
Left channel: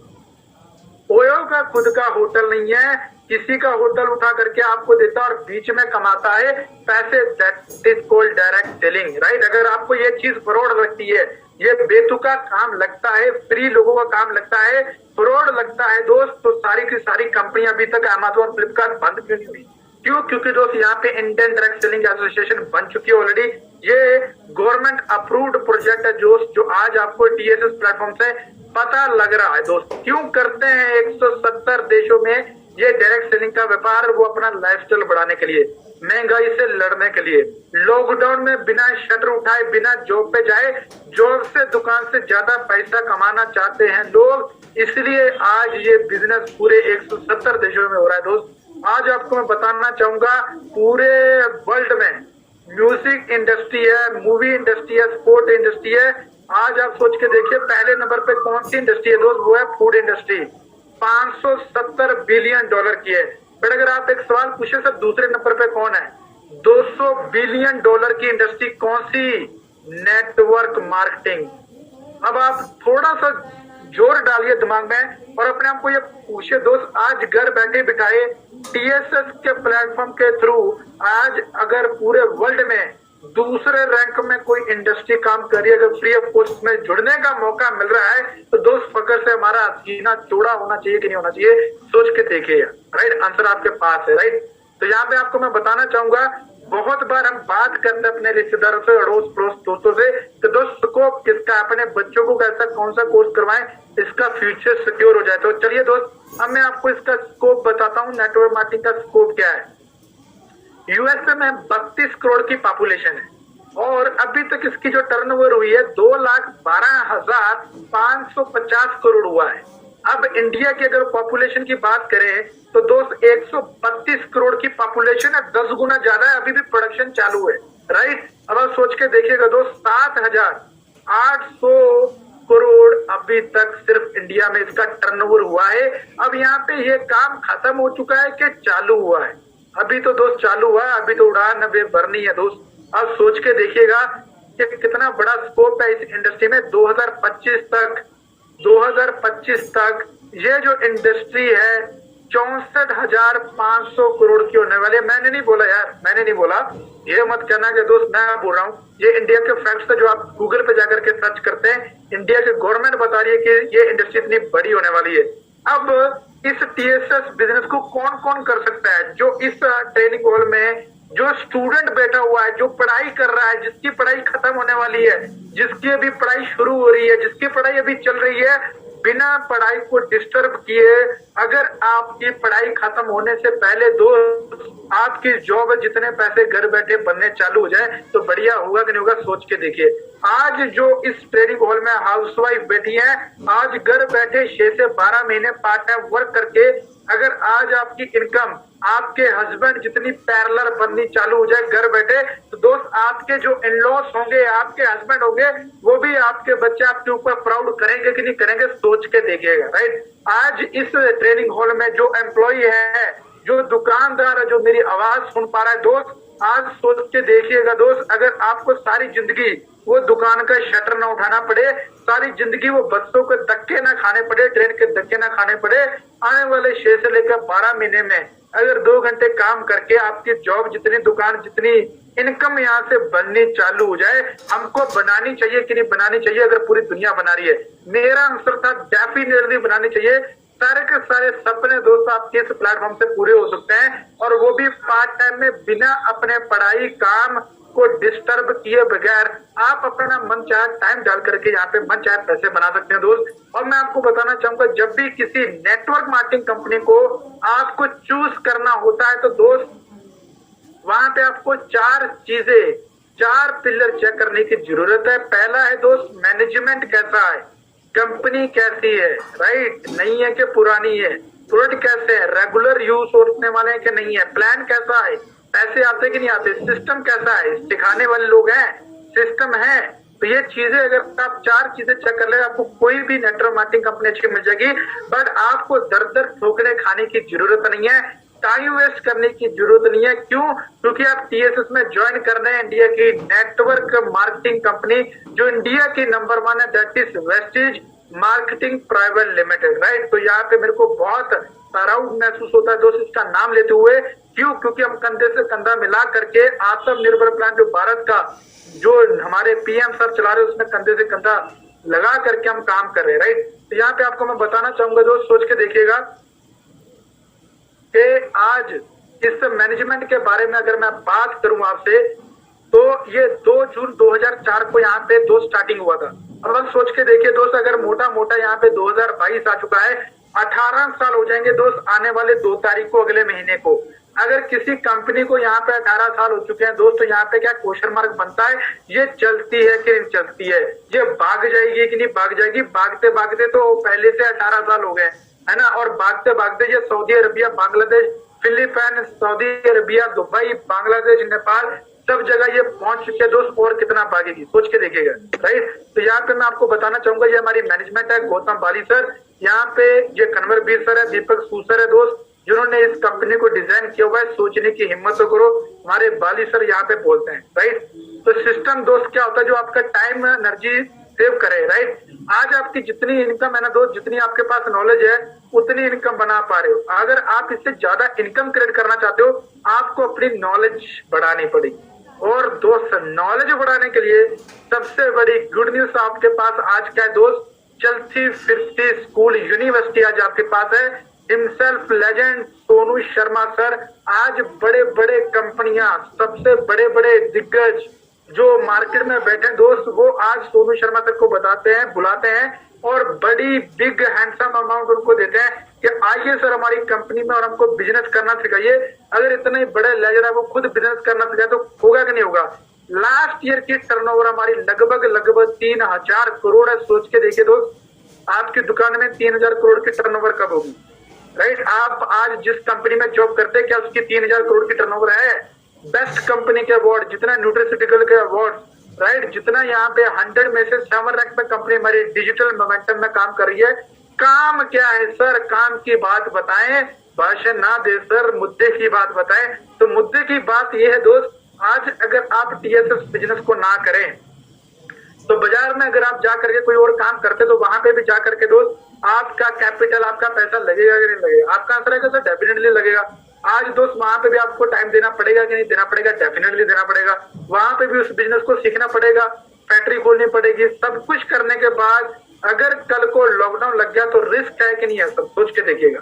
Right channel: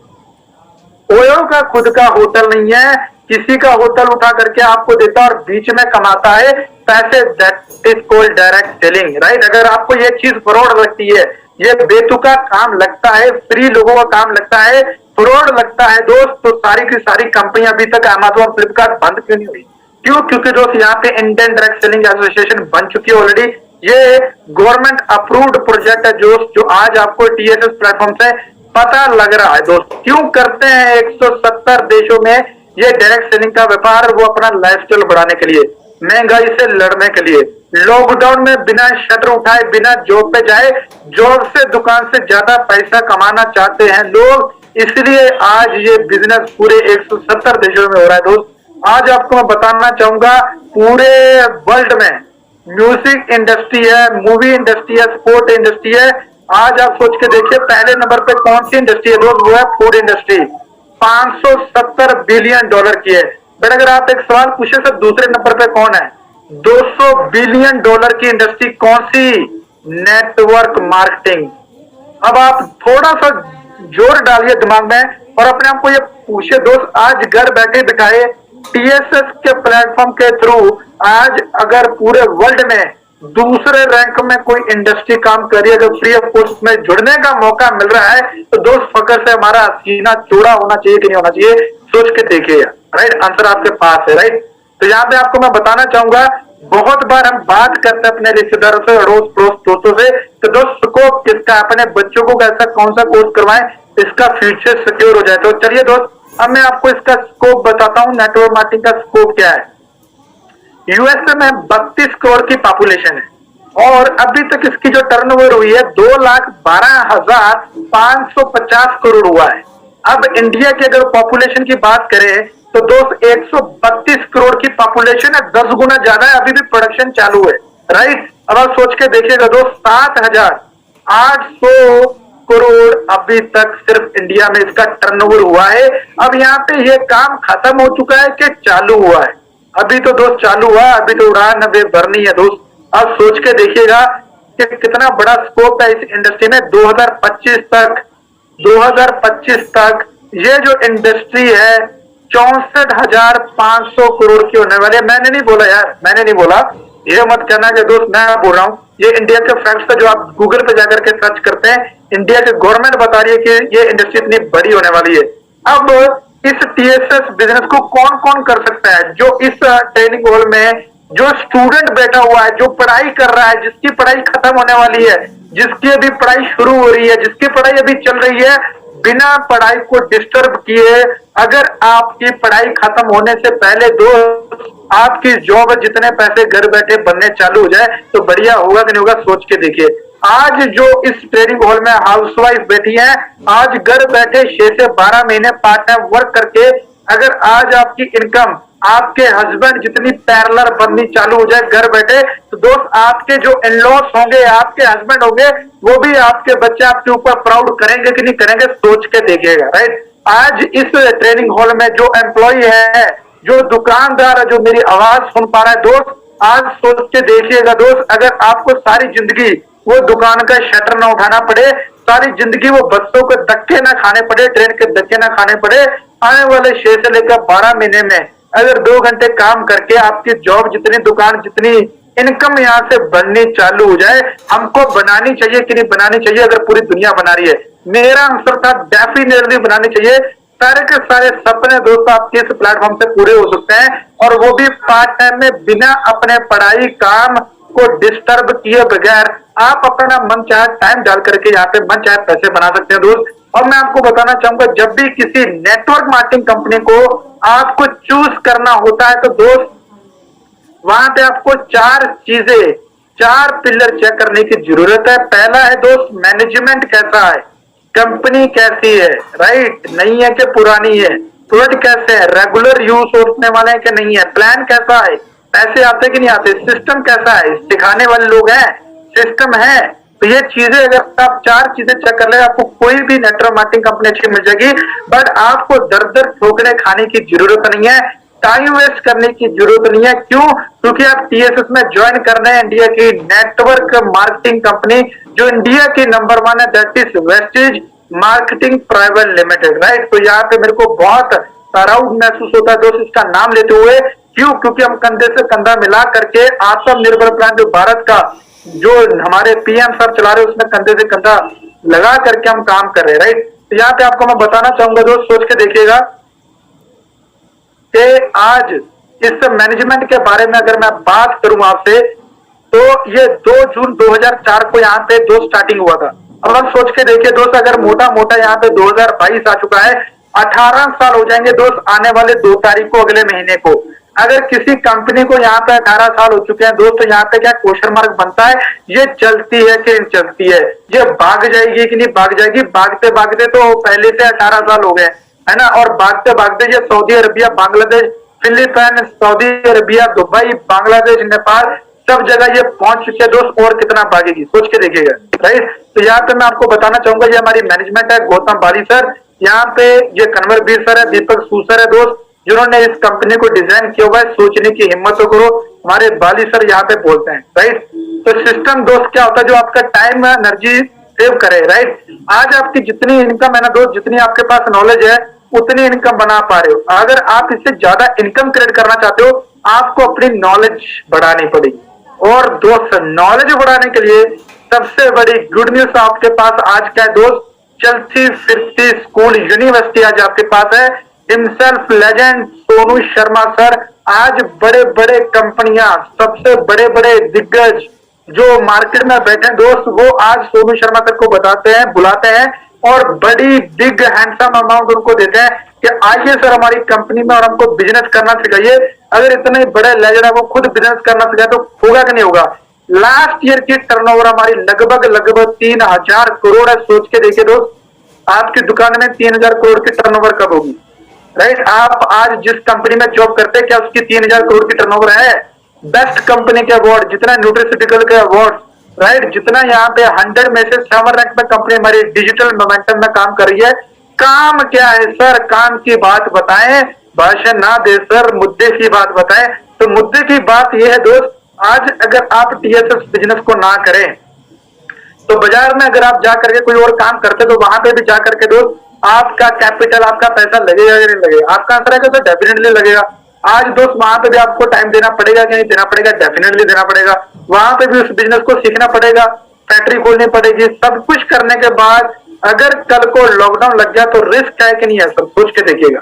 ओयो का खुद का होटल नहीं है, किसी का होटल उठा करके आपको देता है और बीच में कमाता है पैसे। That is called direct selling, right? अगर आपको ये चीज फ्रॉड लगती है, ये बेतुका काम लगता है, फ्री लोगों का काम लगता है, फ्रॉड लगता है दोस्त, तो सारी की सारी कंपनियां अभी तक अमेज़न, फ्लिपकार्ट बंद क्यों नहीं हुई? क्यों? क्योंकि दोस्त यहाँ पे इंडियन डायरेक्ट सेलिंग एसोसिएशन बन चुकी है ऑलरेडी। ये गवर्नमेंट अप्रूव्ड प्रोजेक्ट है जो आज आपको टीएसएस प्लेटफॉर्म से पता लग रहा है दोस्त। क्यों करते हैं 170 देशों में ये डायरेक्ट सेलिंग का व्यापार? वो अपना लाइफस्टाइल बढ़ाने के लिए, महंगाई से लड़ने के लिए, लॉकडाउन में बिना शटर उठाए, बिना जॉब पे जाए, जॉब से दुकान से ज्यादा पैसा कमाना चाहते हैं लोग, इसलिए आज ये बिजनेस पूरे 170 देशों में हो रहा है दोस्त। आज आपको मैं बताना चाहूंगा, पूरे वर्ल्ड में म्यूजिक इंडस्ट्री है, मूवी इंडस्ट्री है, स्पोर्ट इंडस्ट्री है। आज आप सोच के देखिए, पहले नंबर पे कौन सी इंडस्ट्री है दोस्त? वो है फूड इंडस्ट्री, 570 बिलियन डॉलर की है। बट अगर आप एक सवाल पूछे सर, दूसरे नंबर पे कौन है? 200 बिलियन डॉलर की इंडस्ट्री कौन सी? Network marketing. अब आप थोड़ा सा जोर डालिए दिमाग में और अपने आप को ये पूछिए दोस्त, आज घर बैठे बिठाए टीएसएस के प्लेटफॉर्म के थ्रू आज अगर पूरे वर्ल्ड में दूसरे रैंक में कोई इंडस्ट्री काम कर रही है, अगर फ्री ऑफ कॉस्ट में जुड़ने का मौका मिल रहा है, तो दोस्त फकर से हमारा सीना चौड़ा होना चाहिए कि नहीं होना चाहिए? सोच के देखिए, राइट? आंसर आपके पास है, राइट? तो यहाँ पे आपको मैं बताना चाहूंगा, बहुत बार हम बात करते हैं अपने रिश्तेदारों से, अड़ोस पड़ोस दोस्तों से, तो दोस्त स्कोप किसका, अपने बच्चों को कैसा कौन सा कोर्स करवाएं इसका फ्यूचर सिक्योर हो जाए। तो चलिए दोस्त, अब मैं आपको इसका स्कोप बताता हूँ, नेटवर्क मार्केटिंग का स्कोप क्या है। यूएसए में 32 करोड़ की पॉपुलेशन है और अभी तक इसकी जो टर्नओवर हुई है 2,12,550 करोड़ हुआ है। अब इंडिया की अगर पॉपुलेशन की बात करें तो दोस्त 132 करोड़ की पॉपुलेशन है, 10 गुना ज्यादा है, अभी भी प्रोडक्शन चालू है, राइट? अब आप सोच के देखिएगा दोस्त, 7,800 करोड़ अभी तक सिर्फ इंडिया में इसका टर्नओवर हुआ है। अब यहाँ पे ये काम खत्म हो चुका है कि चालू हुआ है? अभी तो दोस्त चालू हुआ, अभी तो उड़ान अभी भरनी है दोस्त। अब सोच के देखिएगा कि कितना बड़ा स्कोप है इस इंडस्ट्री में। 2025 तक ये जो इंडस्ट्री है 64,500 करोड़ की होने वाली है। मैंने नहीं बोला यार, मैंने नहीं बोला, ये मत कहना कि दोस्त मैं बोल रहा हूँ, ये इंडिया के फैक्ट्स है जो आप गूगल पे जाकर के सर्च करते हैं। इंडिया की गवर्नमेंट बता रही है कि ये इंडस्ट्री इतनी बड़ी होने वाली है। अब इस टीएसएस बिजनेस को कौन कौन कर सकता है? जो इस ट्रेनिंग हॉल में जो स्टूडेंट बैठा हुआ है, जो पढ़ाई कर रहा है, जिसकी पढ़ाई खत्म होने वाली है, जिसकी अभी पढ़ाई शुरू हो रही है, जिसकी पढ़ाई अभी चल रही है, बिना पढ़ाई को डिस्टर्ब किए अगर आपकी पढ़ाई खत्म होने से पहले दोस्त आपकी जॉब जितने पैसे घर बैठे बनने चालू हो जाए तो बढ़िया होगा कि नहीं होगा, सोच के देखिए। आज जो इस ट्रेनिंग हॉल में हाउसवाइफ बैठी है, आज घर बैठे 6 से 12 महीने पार्ट टाइम वर्क करके अगर आज आपकी इनकम आपके हस्बैंड जितनी पैरेलल बननी चालू हो जाए घर बैठे, तो दोस्त आपके जो इन-लॉज होंगे, आपके हस्बैंड होंगे, वो भी आपके बच्चे आपके ऊपर प्राउड करेंगे कि नहीं करेंगे, सोच के देखिएगा। राइट, आज इस ट्रेनिंग हॉल में जो एम्प्लॉय है, जो दुकानदार है, जो मेरी आवाज सुन पा रहा है दोस्त, आज सोच के देखिएगा दोस्त, अगर आपको सारी जिंदगी वो दुकान का शटर ना उठाना पड़े, सारी जिंदगी वो बच्चों को धक्के ना खाने पड़े, ट्रेन के धक्के ना खाने पड़े, आने वाले 6 से लेकर 12 महीने में अगर 2 घंटे काम करके आपकी जॉब जितनी, दुकान जितनी, इनकम यहाँ से बननी चालू हो जाए, हमको बनानी चाहिए कि नहीं बनानी चाहिए? अगर पूरी दुनिया बना रही है, मेरा आंसर था डेफिनेटली बनानी चाहिए। सारे के सारे सपने दोस्तों आपके इस प्लेटफॉर्म से पूरे हो सकते हैं, और वो भी पार्ट टाइम में, बिना अपने पढ़ाई काम को डिस्टर्ब किए बगैर। आप अपना मन चाहे टाइम डाल करके यहाँ पे मन चाहे पैसे बना सकते हैं दोस्त। और मैं आपको बताना चाहूंगा, जब भी किसी नेटवर्क मार्केटिंग कंपनी को आपको चूज करना होता है तो दोस्त वहां पे आपको 4 चीजें, 4 पिलर चेक करने की जरूरत है। पहला है दोस्त, मैनेजमेंट कैसा है, कंपनी कैसी है, राइट, नई है कि पुरानी है, प्रोडक्ट कैसे है, रेगुलर यूज होने वाले हैं कि नहीं है, प्लान कैसा है, पैसे आते कि नहीं आते, सिस्टम कैसा है, सिखाने वाले लोग हैं, सिस्टम है। तो ये चीजें अगर आप 4 चीजें चेक कर ले, आपको कोई भी नेटवर्क मार्केटिंग कंपनी अच्छी मिल जाएगी। बट आपको दर दर ठोकरे खाने की जरूरत नहीं है, टाइम वेस्ट करने की जरूरत नहीं है। क्यों? क्योंकि आप टीएसएस में ज्वाइन कर रहे हैं इंडिया की नेटवर्क मार्केटिंग कंपनी, जो इंडिया की नंबर 1 है, that is wastage marketing private limited. Right, तो यहाँ पे मेरे को बहुत प्राउड महसूस होता है दोस्त इसका नाम लेते हुए। क्यों? क्योंकि हम कंधे से कंधा मिला करके आत्मनिर्भर प्लान जो भारत का, जो हमारे पीएम सर चला रहे, उसमें कंधे से कंधा लगा करके हम काम कर रहे हैं। राइट, तो यहाँ पे आपको मैं बताना चाहूंगा दोस्त, सोच के देखिएगा कि आज इस मैनेजमेंट के बारे में अगर मैं बात करूं आपसे, तो ये 2 जून 2004 को यहाँ पे दोस्त स्टार्टिंग हुआ था। अब आप सोच के देखिए दोस्त, अगर मोटा मोटा यहाँ पे 2022 आ चुका है, 18 साल हो जाएंगे दोस्त आने वाले 2 तारीख को, अगले महीने को। अगर किसी कंपनी को यहाँ पे 18 साल हो चुके हैं दोस्तों, यहाँ पे क्या क्वेश्चन मार्क बनता है, ये चलती है कि नहीं चलती है, ये भाग जाएगी कि नहीं भाग जाएगी। भागते भागते तो पहले से 18 साल हो गए, है ना, और भागते भागते ये Saudi Arabia, Bangladesh, Philippines, Saudi Arabia, Dubai, Bangladesh, Nepal, सब जगह ये पहुंच चुके हैं दोस्त, और कितना भागेगी, सोच के देखिएगा। राइट, तो यहाँ पे मैं आपको बताना चाहूंगा, ये हमारी मैनेजमेंट है, गौतम बाली सर, यहाँ पे ये कन्वर बीर सर है, दीपक सूसर है दोस्त, जिन्होंने इस कंपनी को डिजाइन किया हुआ है। सोचने की हिम्मत तो करो, हमारे बाली सर यहाँ पे बोलते हैं। राइट, तो सिस्टम दोस्त क्या होता है, जो आपका टाइम एनर्जी सेव करे। राइट, आज आपकी जितनी इनकम है ना दोस्त, जितनी आपके पास नॉलेज है, उतनी इनकम बना पा रहे हो। अगर आप इससे ज्यादा इनकम क्रिएट करना चाहते हो, आपको अपनी नॉलेज बढ़ानी पड़ेगी। और दोस्त, नॉलेज बढ़ाने के लिए सबसे बड़ी गुड न्यूज आपके पास आज क्या है दोस्त, चलती फिरती स्कूल यूनिवर्सिटी आज आपके पास है। Himself legend Sonu Sharma sir, आज बड़े बड़े कंपनियां, सबसे बड़े बड़े दिग्गज जो मार्केट में बैठे दोस्त, वो आज सोनू शर्मा सर को बताते हैं, बुलाते हैं, और बड़ी बिग हैंडसम अमाउंट उनको देते हैं कि आइए सर हमारी कंपनी में और हमको बिजनेस करना सिखाइए। अगर इतने बड़े लेजेंड है, वो खुद बिजनेस करना सिखाए तो होगा कि नहीं होगा। लास्ट ईयर की टर्नओवर हमारी लगभग 3000 करोड़ है। सोच के देखिए दोस्त, आपकी दुकान में 3000 करोड़ की टर्नओवर कब होगी। राइट, आप आज जिस कंपनी में जॉब करते हैं, क्या उसकी 3000 करोड़ की टर्नओवर है? बेस्ट कंपनी के अवार्ड, जितना न्यूट्रिसिटिकल के अवार्ड, राइट, जितना यहाँ पे 100 में से 7 रैंक में कंपनी हमारी डिजिटल मोमेंटम में काम कर रही है। काम क्या है सर, काम की बात बताएं, भाषण ना दे सर, मुद्दे की बात बताएं। तो मुद्दे की बात यह है दोस्त, आज अगर आप टीएसएस बिजनेस को ना करें, तो बाजार में अगर आप जा करके कोई और काम करते, तो वहां पे भी जा करके दोस्त आपका कैपिटल, आपका पैसा लगेगा कि नहीं लगेगा? आपका आंसर है कि डेफिनेटली लगेगा। आज दोस्त वहां पे भी आपको टाइम देना पड़ेगा कि नहीं देना पड़ेगा? डेफिनेटली देना पड़ेगा। वहां पे भी उस बिजनेस को सीखना पड़ेगा, फैक्ट्री खोलनी पड़ेगी। सब कुछ करने के बाद अगर कल को लॉकडाउन लग गया तो रिस्क है कि नहीं है, सब सोच के देखिएगा।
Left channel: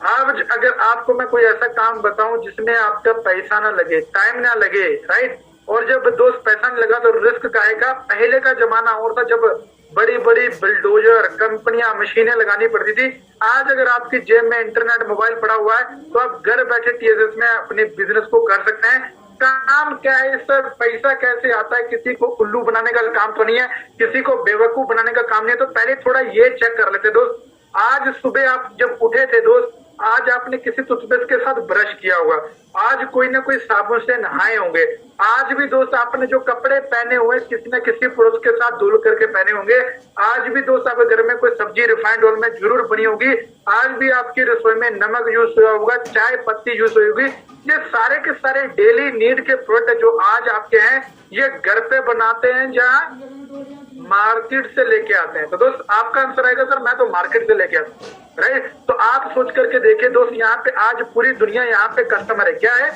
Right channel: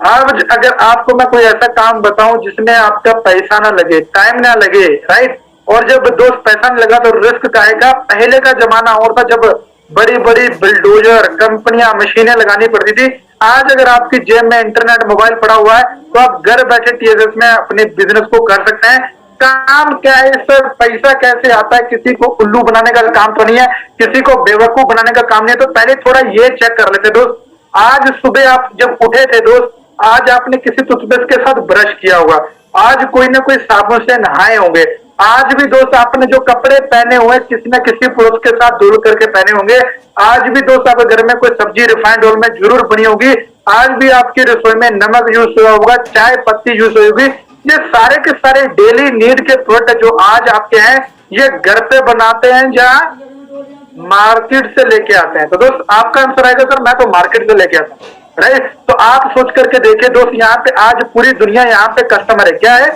आज अगर आपको मैं कोई ऐसा काम बताऊं जिसमें आपका पैसा ना लगे, टाइम ना लगे, राइट, और जब दोस्त पैसा नहीं लगा तो रिस्क का आएगा। पहले का जमाना और था, जब बड़ी बड़ी बुलडोजर कंपनियां मशीनें लगानी पड़ती थी। आज अगर आपकी जेब में इंटरनेट मोबाइल पड़ा हुआ है तो आप घर बैठे टीएसएस में अपने बिजनेस को कर सकते हैं। काम क्या है सर, पैसा कैसे आता है, किसी को उल्लू बनाने का काम तो नहीं है, किसी को बेवकूफ बनाने का काम नहीं है। तो पहले थोड़ा ये चेक कर लेते दोस्त, आज सुबह आप जब उठे थे दोस्त, आज आपने किसी टूथपेस्ट के साथ ब्रश किया होगा, आज कोई ना कोई साबुन से नहाए होंगे, आज भी दोस्त आपने जो कपड़े पहने हुए किसी न किसी पुरुष के साथ धुल करके पहने होंगे, आज भी दोस्त आपके घर में कोई सब्जी रिफाइंड ऑयल में जरूर बनी होगी, आज भी आपकी रसोई में नमक यूज हुआ होगा, चाय पत्ती यूज हुई होगी। ये सारे के सारे डेली नीड के प्रोडक्ट जो आज आपके हैं, ये घर पे बनाते हैं जहां मार्केट से लेके आते हैं। तो दोस्त आपका आंसर आएगा सर मैं तो मार्केट से लेके आता हूँ, राइट। तो आप सोच करके देखिए दोस्त, यहाँ पे आज पूरी दुनिया यहाँ पे कस्टमर है। क्या है?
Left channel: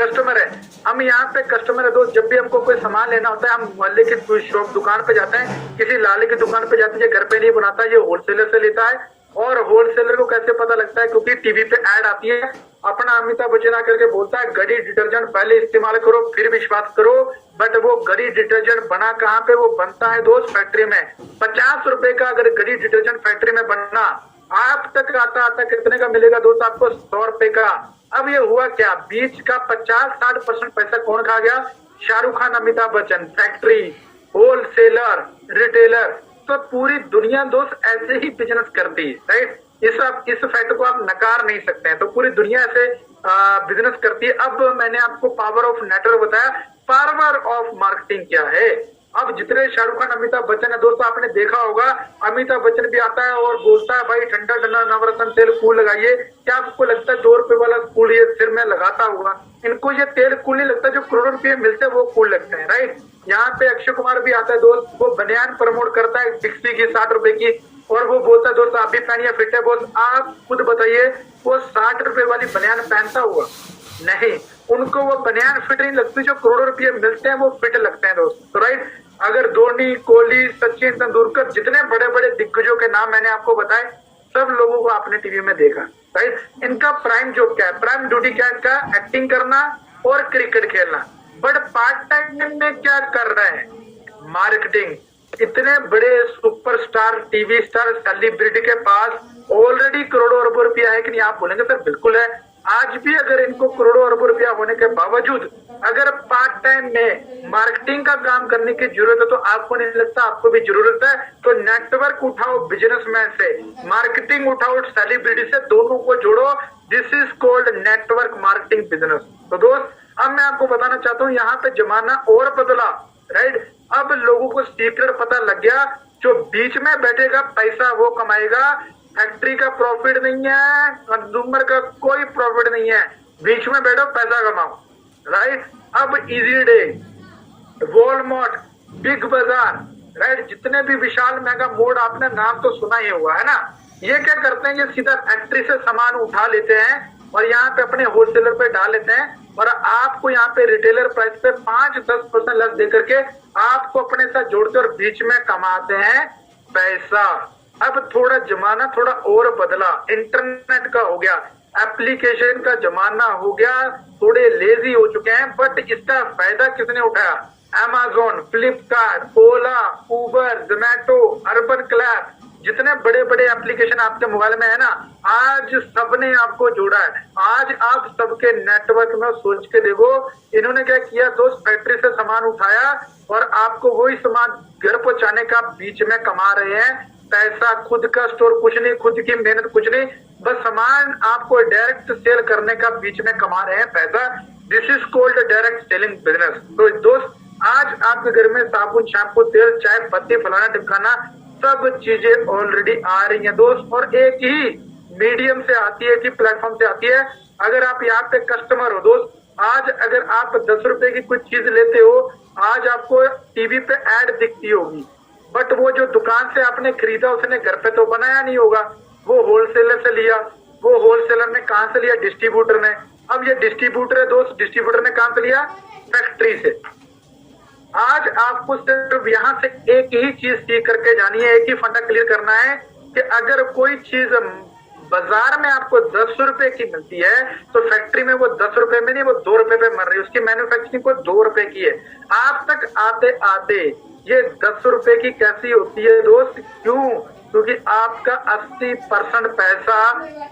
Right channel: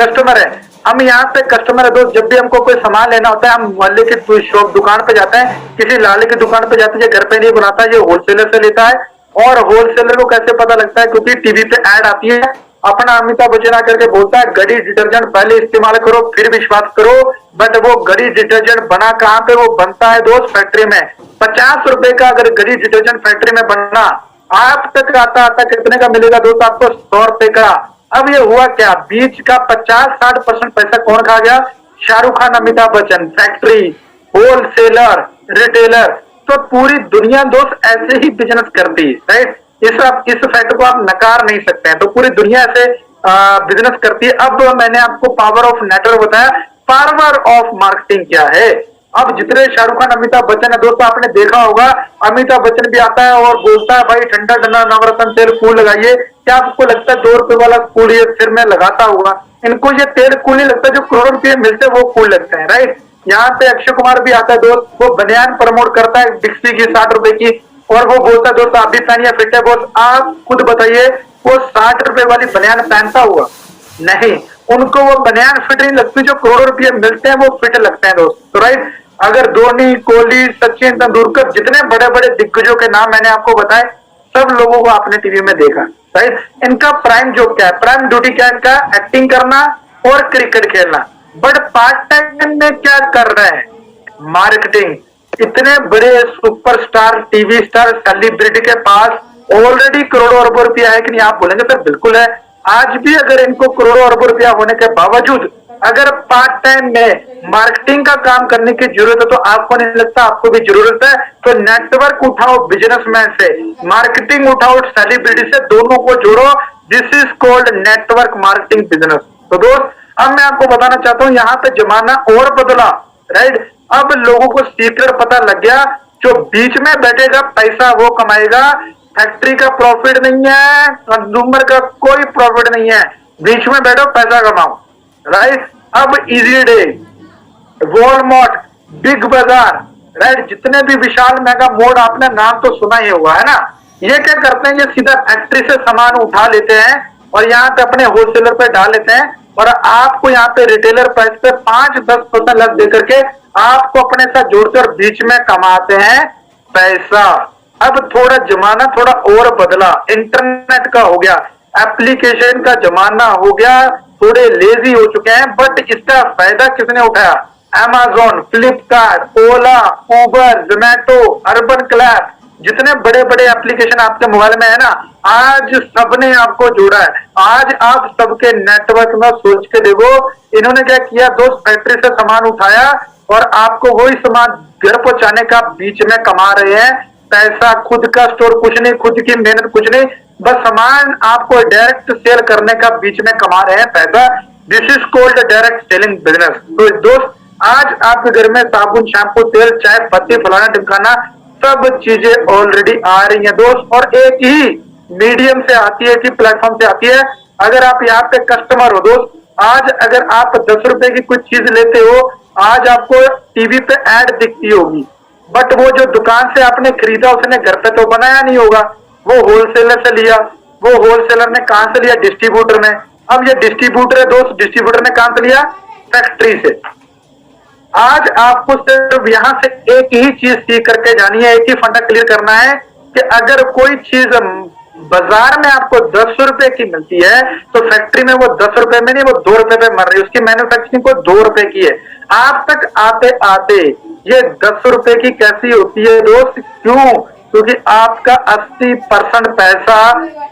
कस्टमर है। हम यहाँ पे कस्टमर है दोस्त। जब भी हमको कोई सामान लेना होता है, हम मोहल्ले की शॉप दुकान पे जाते हैं, किसी लाले की दुकान पे जाते हैं, ये घर पे नहीं बनाता, ये होलसेलर से लेता है। और होलसेलर को कैसे पता लगता है? क्योंकि टीवी पे ऐड आती है। अपना अमिताभ बच्चन आकर के बोलता है गड़ी डिटर्जेंट पहले इस्तेमाल करो फिर विश्वास करो। बट वो गड़ी डिटर्जेंट बना कहाँ पे? वो बनता है दोस्त फैक्ट्री में। 50 रुपए का अगर गड़ी डिटर्जेंट फैक्ट्री में बनना, आप तक आता आता कितने का मिलेगा दोस्त? आपको 100 रुपए का। अब ये हुआ क्या? बीच का 50-60% पैसा कौन खा गया? Shahrukh Khan, Amitabh Bachchan. Factory, wholesaler, retailer. तो पूरी दुनिया दोस्त ऐसे ही बिजनेस करती है, राइट। इस फैक्ट को आप नकार नहीं सकते हैं। तो पूरी दुनिया ऐसे बिजनेस करती है। अब मैंने आपको पावर ऑफ नेटवर्क बताया, पावर ऑफ मार्केटिंग क्या है। अब जितने शाहरुख खान, अमिताभ बच्चन है दोस्तों, आपने देखा होगा अमिताभ बच्चन भी आता है और बोलता है भाई ठंडा ठंडा नवरत्न तेल कूल लगाइए। क्या आपको लगता है 2 रुपए वाला कूल ये सिर में लगाता होगा? इनको ये तेल कूल नहीं लगता, जो करोड़ों रुपये मिलते हैं वो कूल लगते हैं, राइट। यहाँ पे अक्षय कुमार भी आता है दोस्त, वो बनियान प्रमोट करता है डिक्सी की 60 रुपए की, और वो बोलता है दोस्त आप भी पहनिए फिट है। बोल आप खुद बताइए, वो 60 रुपए वाली बनियान पहनता हुआ? नहीं, उनको वो बनियान फिट नहीं लगती, जो करोड़ों रुपये मिलते हैं वो फिट लगते हैं दोस्त। तो राइट, अगर धोनी, कोहली, सचिन तेंदुलकर, जितने बड़े बड़े दिग्गजों के नाम मैंने आपको बताए, सब लोगों को आपने टीवी में देखा, राइट। इनका प्राइम जॉब क्या है? प्राइम ड्यूटी क्या है इनका? एक्टिंग करना और क्रिकेट खेलना। बट पार्ट टाइम में क्या कर रहे हैं? मार्केटिंग। इतने बड़े सुपरस्टार, टीवी स्टार, सेलिब्रिटी के पास ऑलरेडी करोड़ों अरबों रुपया है कि नहीं? आप बोलेंगे सर बिल्कुल है। आज भी अगर इनको करोड़ों अरबों रुपया होने के बावजूद अगर पार्ट टाइम में मार्केटिंग का काम करने की जरूरत है, तो आपको नहीं लगता आपको भी जरूरत है? तो नेटवर्क उठाओ बिजनेसमैन से, मार्केटिंग उठाओ सेलिब्रिटी से, दोनों को जोड़ो। This is called network marketing business. तो दोस्त, अब मैं आपको बताना चाहता हूं, यहाँ पे जमाना और बदला, राइट। अब लोगों को सीक्रेट पता लग गया, जो बीच में बैठेगा पैसा वो कमाएगा। फैक्ट्री का प्रॉफिट नहीं है, कंज्यूमर का कोई प्रॉफिट नहीं है, बीच में बैठो पैसा कमाओ, राइट। अब इजी डे, वॉलमार्ट, बिग बाजार, राइट, जितने भी विशाल मेगा मोड, आपने नाम तो सुना ही होगा, है ना। ये क्या करते हैं? ये सीधा फैक्ट्री से सामान उठा लेते हैं और यहाँ पे अपने होलसेलर पे डाल लेते हैं, और आपको यहाँ पे रिटेलर प्राइस पे 5-10% लग दे करके आपको अपने साथ जोड़ते और बीच में कमाते हैं पैसा। अब थोड़ा जमाना थोड़ा और बदला, इंटरनेट का हो गया, एप्लीकेशन का जमाना हो गया, थोड़े लेजी हो चुके हैं। बट इसका फायदा किसने उठाया? अमेज़न, फ्लिपकार्ट, ओला, उबर, जोमैटो, अर्बन क्लैप, जितने बड़े बड़े एप्लीकेशन आपके मोबाइल में है ना, आज सबने आपको जोड़ा है। आज आप सबके नेटवर्क में सोच के देखो, इन्होंने क्या किया दोस्त? फैक्ट्री से सामान उठाया और आपको वही सामान घर पहुंचाने का बीच में कमा रहे हैं पैसा। खुद का स्टोर कुछ नहीं, खुद की मेहनत कुछ नहीं, बस सामान आपको डायरेक्ट सेल करने का बीच में कमा रहे हैं पैसा। This is called direct selling business. तो दोस्त, आज आपके घर में साबुन, शैम्पू, तेल, चाय पत्ती, फलाना टिमकाना, सब चीजें ऑलरेडी आ रही हैं दोस्त, और एक ही मीडियम से आती है, एक ही प्लेटफॉर्म से आती है। अगर आप यहाँ पे कस्टमर हो दोस्त, आज अगर आप 10 रुपए की कुछ चीज लेते हो, आज आपको टीवी पे ऐड दिखती होगी, बट वो जो दुकान से आपने खरीदा उसने घर पे तो बनाया नहीं होगा, वो होलसेलर से लिया। वो होलसेलर ने कहां से लिया? डिस्ट्रीब्यूटर ने। अब ये डिस्ट्रीब्यूटर है दोस्त, डिस्ट्रीब्यूटर ने कहां से लिया? फैक्ट्री से। आज आपको सिर्फ यहां से एक ही चीज सीख करके जानी है, एक ही फंडा क्लियर करना है कि अगर कोई चीज बाजार में आपको 10 रुपए की मिलती है, तो फैक्ट्री में वो 10 रुपए में नहीं, वो 2 रुपए पे मर रही है। उसकी मैन्युफैक्चरिंग को 2 रुपए की है। आप तक आते आते ये 10 रुपए की कैसी होती है दोस्त? क्यों? क्योंकि आपका 80% पैसा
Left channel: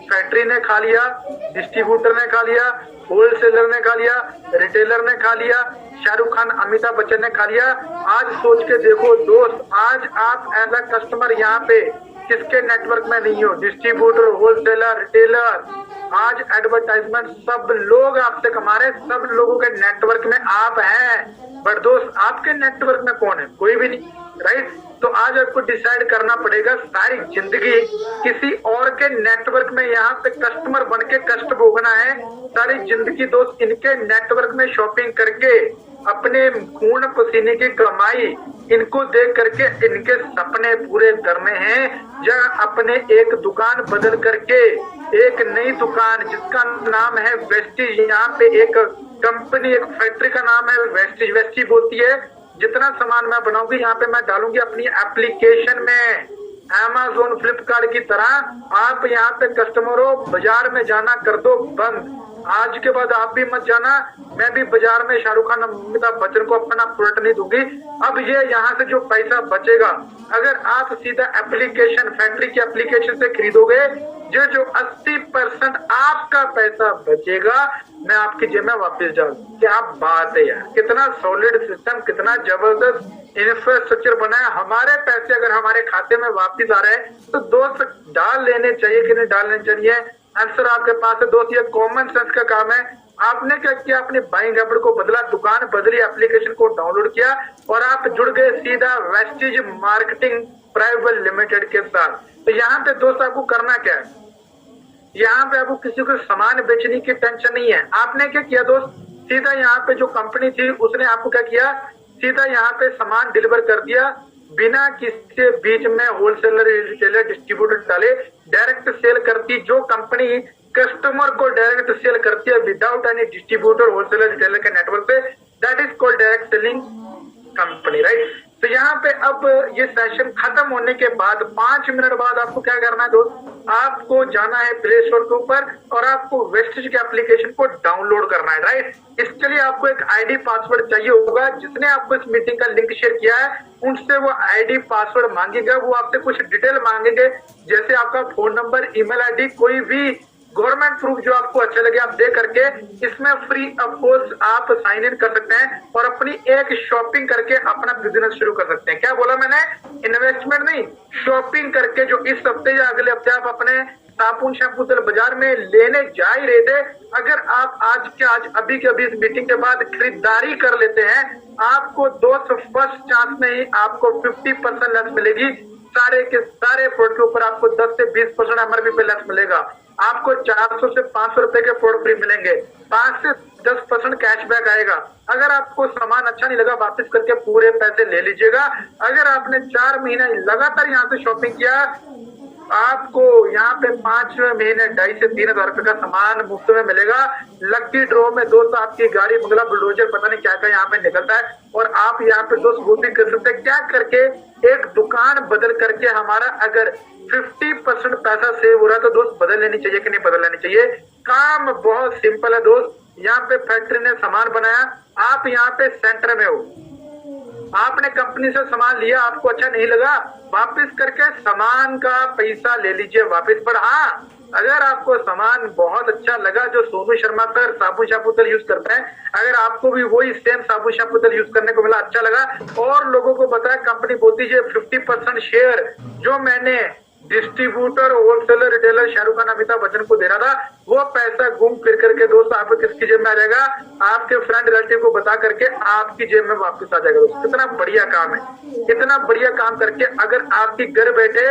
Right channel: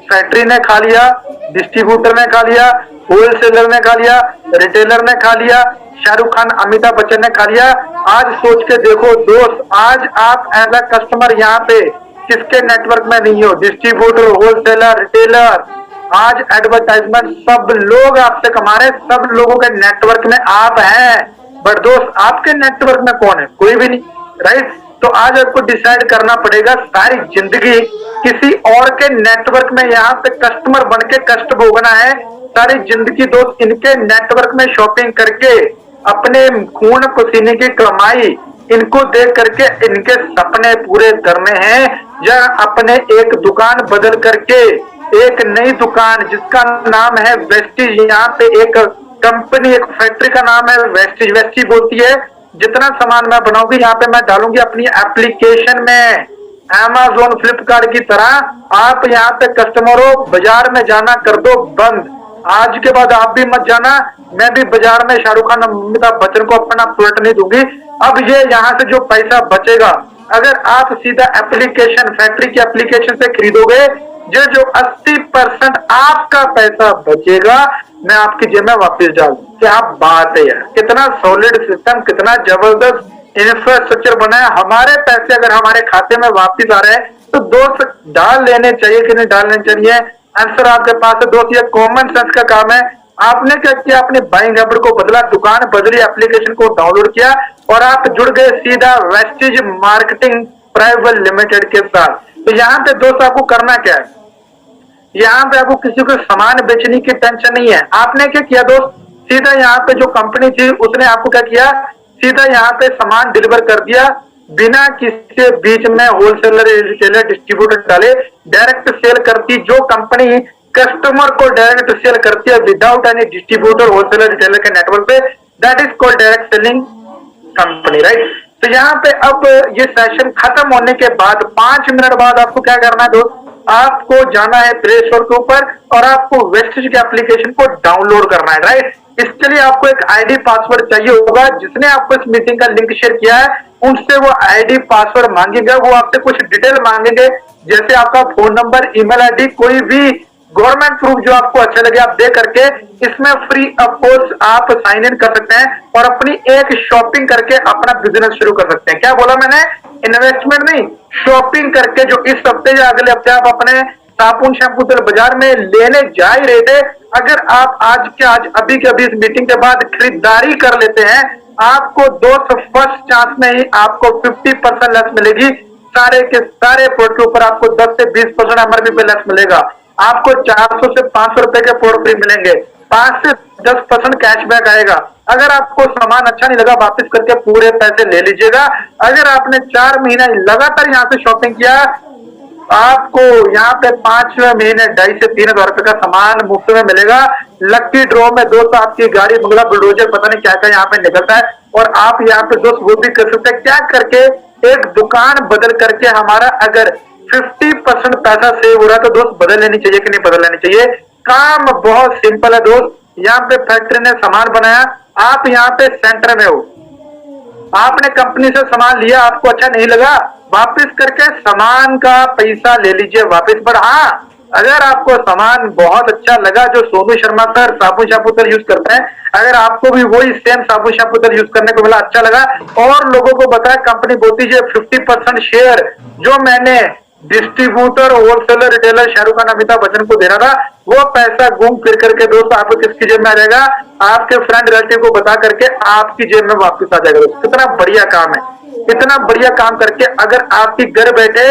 फैक्ट्री ने खा लिया, डिस्ट्रीब्यूटर ने खा लिया, होलसेलर ने खा लिया, रिटेलर ने खा लिया, शाहरुख खान अमिताभ बच्चन ने खा लिया। आज सोच के देखो दोस्त, आज आप एज अ कस्टमर यहाँ पे किसके नेटवर्क में नहीं हो? डिस्ट्रीब्यूटर, होलसेलर, रिटेलर, आज एडवर्टाइजमेंट सब लोग आपसे कमा रहे, सब लोगों के नेटवर्क में आप हैं। बट दोस्त आपके नेटवर्क में कौन है? कोई भी नहीं, राइट? तो आज आपको डिसाइड करना पड़ेगा सारी जिंदगी किसी और के नेटवर्क में यहाँ पे कस्टमर बन के कष्ट भोगना है। सारी जिंदगी दोस्त इनके नेटवर्क में शॉपिंग करके अपने खून पसीने की कमाई इनको देख करके इनके सपने पूरे करने हैं, या अपने एक दुकान बदल करके एक नई दुकान जिसका नाम है वेस्टीज, यहाँ पे एक कंपनी, एक फैक्ट्री का नाम है वेस्टीज, वेस्टी बोलती है जितना सामान मैं बनाऊंगी यहाँ पे मैं डालूंगी अपनी एप्लीकेशन में, अमेज़न फ्लिपकार्ट की तरह। आप यहाँ पे कस्टमरों बाजार में जाना कर दो बंद। आज के बाद आप भी मत जाना, मैं भी बाजार में शाहरुख खान अमिताभ बच्चन को अपना प्रोडक्ट नहीं दूंगी। अब ये यहाँ से जो पैसा बचेगा, अगर आप सीधा एप्लीकेशन, फैक्ट्री की एप्लीकेशन से खरीदोगे, जो 80% आपका पैसा बचेगा मैं आपकी जेब में वापस डाल दूं। क्या बात है यार, कितना सॉलिड सिस्टम, कितना जबरदस्त इंफ्रास्ट्रक्चर बना है। हमारे पैसे अगर हमारे खाते में वापस आ रहे हैं तो दोस्त डाल लेने चाहिए कि नहीं डालने चाहिए? आंसर आपके पास है दोस्त, ये कॉमन सेंस का काम है। आपने क्या किया? अपने बाइंग हैबिट को बदला, दुकान बदली, एप्लीकेशन को डाउनलोड किया और आप जुड़ गए सीधा वेस्टीज मार्केटिंग प्राइवेट लिमिटेड के साथ। तो यहाँ पे दोस्त आपको करना क्या है? यहाँ पे आपको किसी को सामान बेचने की टेंशन नहीं है। आपने क्या किया दोस्त? सीधा यहाँ पे जो कंपनी थी उसने आपको क्या किया? सीधा यहाँ पे सामान डिलीवर कर दिया बिना किसी बीच में होलसेलर, रिटेलर, डिस्ट्रीब्यूटर डाले, डायरेक्ट सेल करती। जो कंपनी कस्टमर को डायरेक्ट सेल करती है without any distributor, wholesaler, retailer के नेटवर्क पे, that is called direct selling company, right? तो यहाँ पे अब ये सेशन खत्म होने के बाद 5 मिनट बाद आपको क्या करना है दोस्त? आपको जाना है प्ले स्टोर के ऊपर और आपको वेस्टीज के एप्लीकेशन को डाउनलोड करना है, राइट? इसके लिए आपको एक आईडी पासवर्ड चाहिए होगा। जिसने आपको इस मीटिंग का लिंक शेयर किया है उनसे वो आईडी पासवर्ड मांगेगा। वो आपसे कुछ डिटेल मांगेंगे, जैसे आपका फोन नंबर, ईमेल आईडी, कोई भी गवर्नमेंट प्रूफ जो आपको अच्छा लगे आप दे करके इसमें फ्री ऑफ कॉस्ट आप साइन इन कर सकते हैं और अपनी एक शॉपिंग करके अपना बिजनेस शुरू कर सकते हैं। क्या बोला मैंने? इन्वेस्टमेंट नहीं, शॉपिंग करके। जो इस हफ्ते या अगले हफ्ते आप अपने साबुन, शैम्पू, तेल बाजार में लेने जा ही रहे थे, अगर आप आज के आज अभी के अभी इस मीटिंग के बाद खरीदारी कर लेते हैं, आपको दोस्त फर्स्ट चांस में ही आपको 50% लेस मिलेगी। सारे के सारे प्रोडक्ट के ऊपर आपको 10 से 20% एमआरपी पे लेस मिलेगा। आपको 400 से 500 रुपए के प्रोडक्ट फ्री मिलेंगे, 5 से 10% कैशबैक आएगा। अगर आपको सामान अच्छा नहीं लगा वापस करके पूरे पैसे ले लीजिएगा। अगर आपने 4 महीना लगातार यहाँ से शॉपिंग किया, आपको यहाँ पे 5 महीने 2.5 से 3 हजार रुपए का सामान मुफ्त में मिलेगा। लक्की ड्रॉ में दोस्त आपकी गाड़ी, बंगला, बुलडोजर, पता नहीं क्या क्या यहाँ पे निकलता है और आप यहाँ पे दोस्त वो भी कर सकते हैं। क्या करके? एक दुकान बदल करके हमारा अगर 50% पैसा सेव हो रहा है तो दोस्त बदल लेनी चाहिए कि नहीं बदल लेनी चाहिए? काम बहुत सिंपल है दोस्त। यहाँ पे फैक्ट्री ने सामान बनाया, आप यहाँ पे सेंटर में हो, आपने कंपनी से सामान लिया, आपको अच्छा नहीं लगा, वापस करके सामान का पैसा ले लीजिए वापस। पर हाँ, अगर आपको सामान बहुत अच्छा लगा, जो सोनू शर्मा सर साबुन शैम्पू तेल यूज करते हैं, अगर आपको भी वही सेम साबुन शैम्पू तेल यूज करने को मिला, अच्छा लगा और लोगों को बताया, कंपनी बोलती है 50% शेयर जो मैंने distributor, wholesaler, retailer Shahrukh Khan Amitabh Bachchan को देना था, वो पैसा घूम फिर करके दोस्तों आपको किसकी जेब में आ जाएगा? आपके फ्रेंड रिलेटिव को बता करके आपकी जेब में वापस आ जाएगा। दोस्तों कितना बढ़िया काम है, इतना बढ़िया काम करके अगर आपकी घर बैठे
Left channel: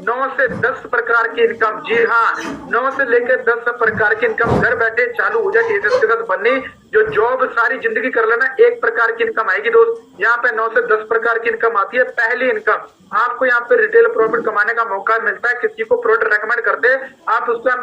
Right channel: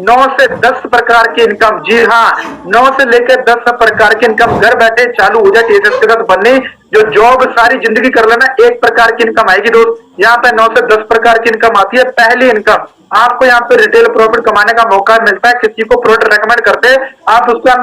9 से 10 प्रकार की इनकम, जी हाँ 9 से लेकर 10 प्रकार की इनकम घर बैठे चालू हो जाए टीएसएस के साथ बननी। जो जॉब सारी जिंदगी कर लेना, एक प्रकार की इनकम आएगी दोस्त। यहाँ पे 9 से 10 प्रकार की इनकम आती है। पहली इनकम, आपको यहाँ पे रिटेल प्रॉफिट कमाने का मौका मिलता है। किसी को प्रोडक्ट रेकमेंड करते आप उसको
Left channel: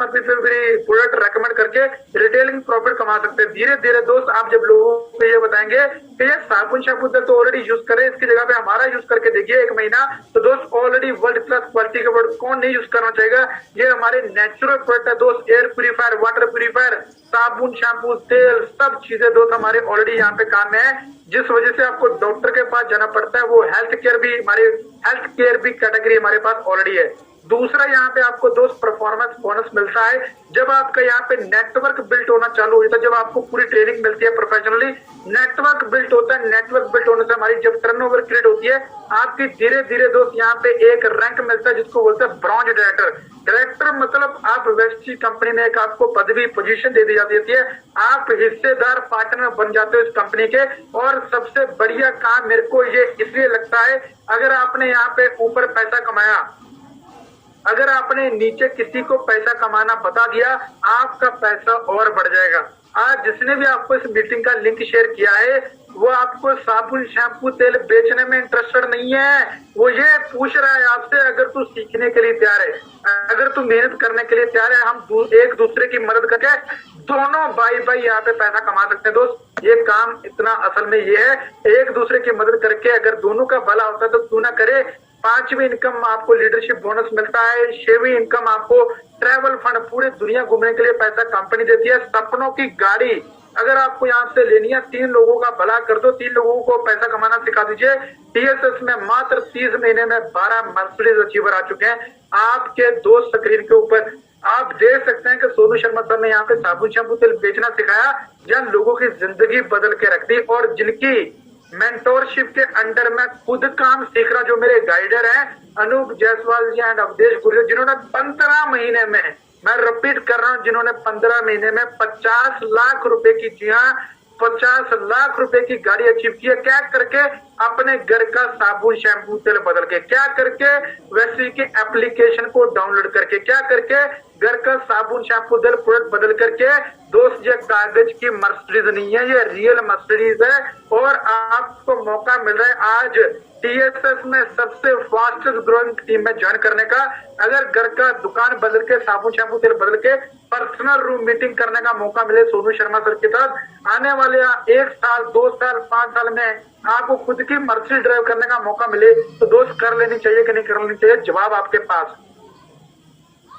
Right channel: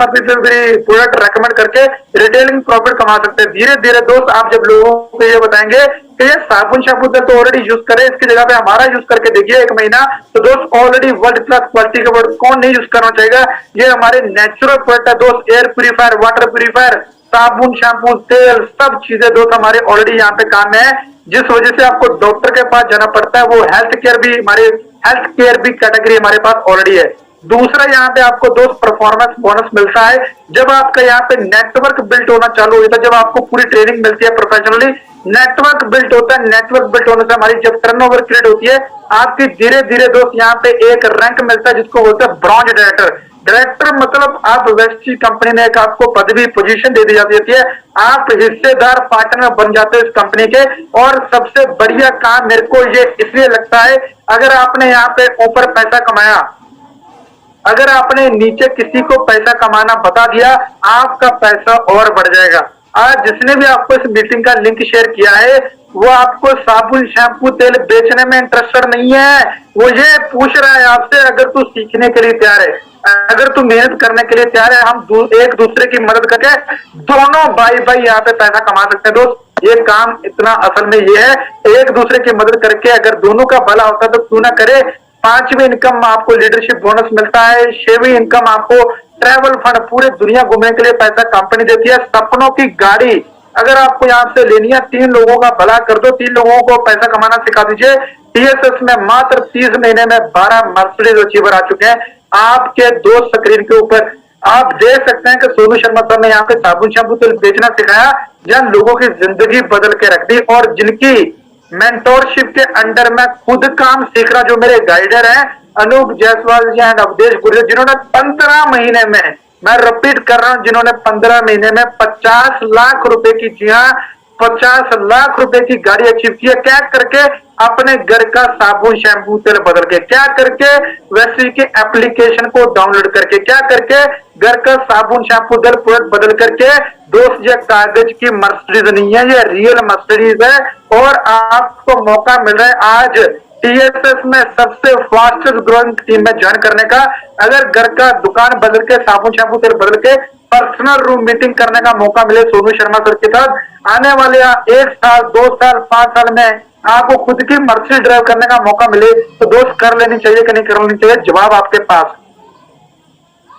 प्रोडक्ट रेकमेंड करके रिटेलिंग प्रॉफिट कमा सकते हैं। धीरे धीरे दोस्त आप जब लोगों को ये बताएंगे कि ये साबुन शैम्पू तो ऑलरेडी यूज करें, इसकी जगह पे हमारा यूज करके देखिए 1 महीना, तो दोस्त ऑलरेडी वर्ल्ड क्लास क्वालिटी का प्रोडक्ट कौन नहीं यूज करना चाहेगा? ये हमारे नेचुरल प्रोडक्ट है दोस्त। एयर प्यूरिफायर, वाटर प्यूरिफायर, साबुन, शैम्पू, तेल, सब चीजें दोस्त हमारे ऑलरेडी यहाँ पे काम है, जिस वजह से आपको डॉक्टर के पास जाना पड़ता है। वो हेल्थ केयर भी कैटेगरी हमारे पास ऑलरेडी है। दूसरा यहाँ पे आपको दोस्त परफॉर्मेंस बोनस मिलता है जब आपका यहाँ पे नेटवर्क बिल्ट होना चालू होता है, जब आपको पूरी ट्रेनिंग मिलती है प्रोफेशनली, नेटवर्क बिल्ट होता है। नेटवर्क बिल्ट होने से हमारी जब टर्नओवर क्रिएट होती है, आपकी धीरे धीरे दोस्त यहाँ पे एक रैंक मिलता है जिसको बोलते हैं ब्रॉन्ज डायरेक्टर। डायरेक्टर मतलब आप वेस्टी कंपनी ने एक आपको पदवी पोजीशन दे दी जाती है, आप हिस्सेदार पार्टनर बन जाते हैं इस कंपनी के। और सबसे बढ़िया काम मेरे को ये इसलिए लगता है, अगर आपने यहाँ पे ऊपर पैसा कमाया, अगर आपने नीचे किसी को पैसा कमाना बता दिया, आपका पैसा और बढ़ जाएगा। आज जिसने भी आपको इस मीटिंग का लिंक शेयर किया है, वो आपको साबुन, शैम्पू, तेल बेचने में इंटरेस्टेड नहीं है। वो ये पूछ रहा है आपसे, अगर तू सीखने के लिए तैयार है, अगर तू मेहनत करने के लिए तैयार है, हम एक दूसरे की मदद करके दोनों भाई भाई यहाँ पे पैसा कमा सकते हैं। दोस्त ये काम इतना असल में ये है, एक दूसरे की मदद करके अगर दोनों का भला होता है तो क्यों ना करे। 5वीं इनकम आपको लीडरशिप बोनस मिलता है। 6वीं इनकम आपको ट्रैवल फंड, पूरे दुनिया घूमने के लिए पैसा कंपनी देती है। सपनों की गाड़ी अगर आपको यहाँ से लेनी है, 3 लोगों का भला कर दो, 3 लोगों को पैसा कमाना सिखा दीजिए। टीएसएस में मात्र 30 महीने में 12 मर्सिडीज अचीवर आ चुके हैं आपके दोस्त स्क्रीन के ऊपर। आप देख सकते हैं कि सोनू शर्मा सर ने यहाँ पे साबुन, शैम्पू, तेल बेचना सिखाया, जन लोगों की जिंदगी बदल के रख दी। और जिनकी मेंटोरशिप के अंडर में खुद काम सीख रहा, जो मेरे गाइडर हैं अनूप जायसवाल जी एंड अवधेश गुर्जर, जिन्होंने 15 महीने में, मैं रिपीट कर रहा हूं, जिन्होंने 15 महीने में 50 लाख रुपए की, जी हाँ 50 लाख रुपए की गाड़ी अचीव की है। क्या करके? अपने घर का साबुन, शैम्पू, तेल बदल के। क्या करके? वैसे के एप्लीकेशन को डाउनलोड करके। क्या करके? घर का साबुन, शैम्पू, तेल प्रोडक्ट बदल करके। दोस्त ये कागज की मर्सिडीज नहीं है, ये रियल मर्सिडीज है। और आपको मौका मिल रहा है आज टीएसएस में सबसे फास्टेस्ट ग्रोइंग टीम में ज्वाइन करने का। अगर घर का दुकान बदल के, साबुन, शैम्पू, तेल बदल के पर्सनल रूम मीटिंग करने का मौका मिले सोनू शर्मा सर के साथ, आने वाले 1 साल, 2 साल, 5 साल में आपको खुद की मर्सिडीज ड्राइव करने का मौका मिले, तो दोस्त कर लेनी चाहिए कि नहीं कर लेनी चाहिए? जवाब आपके पास,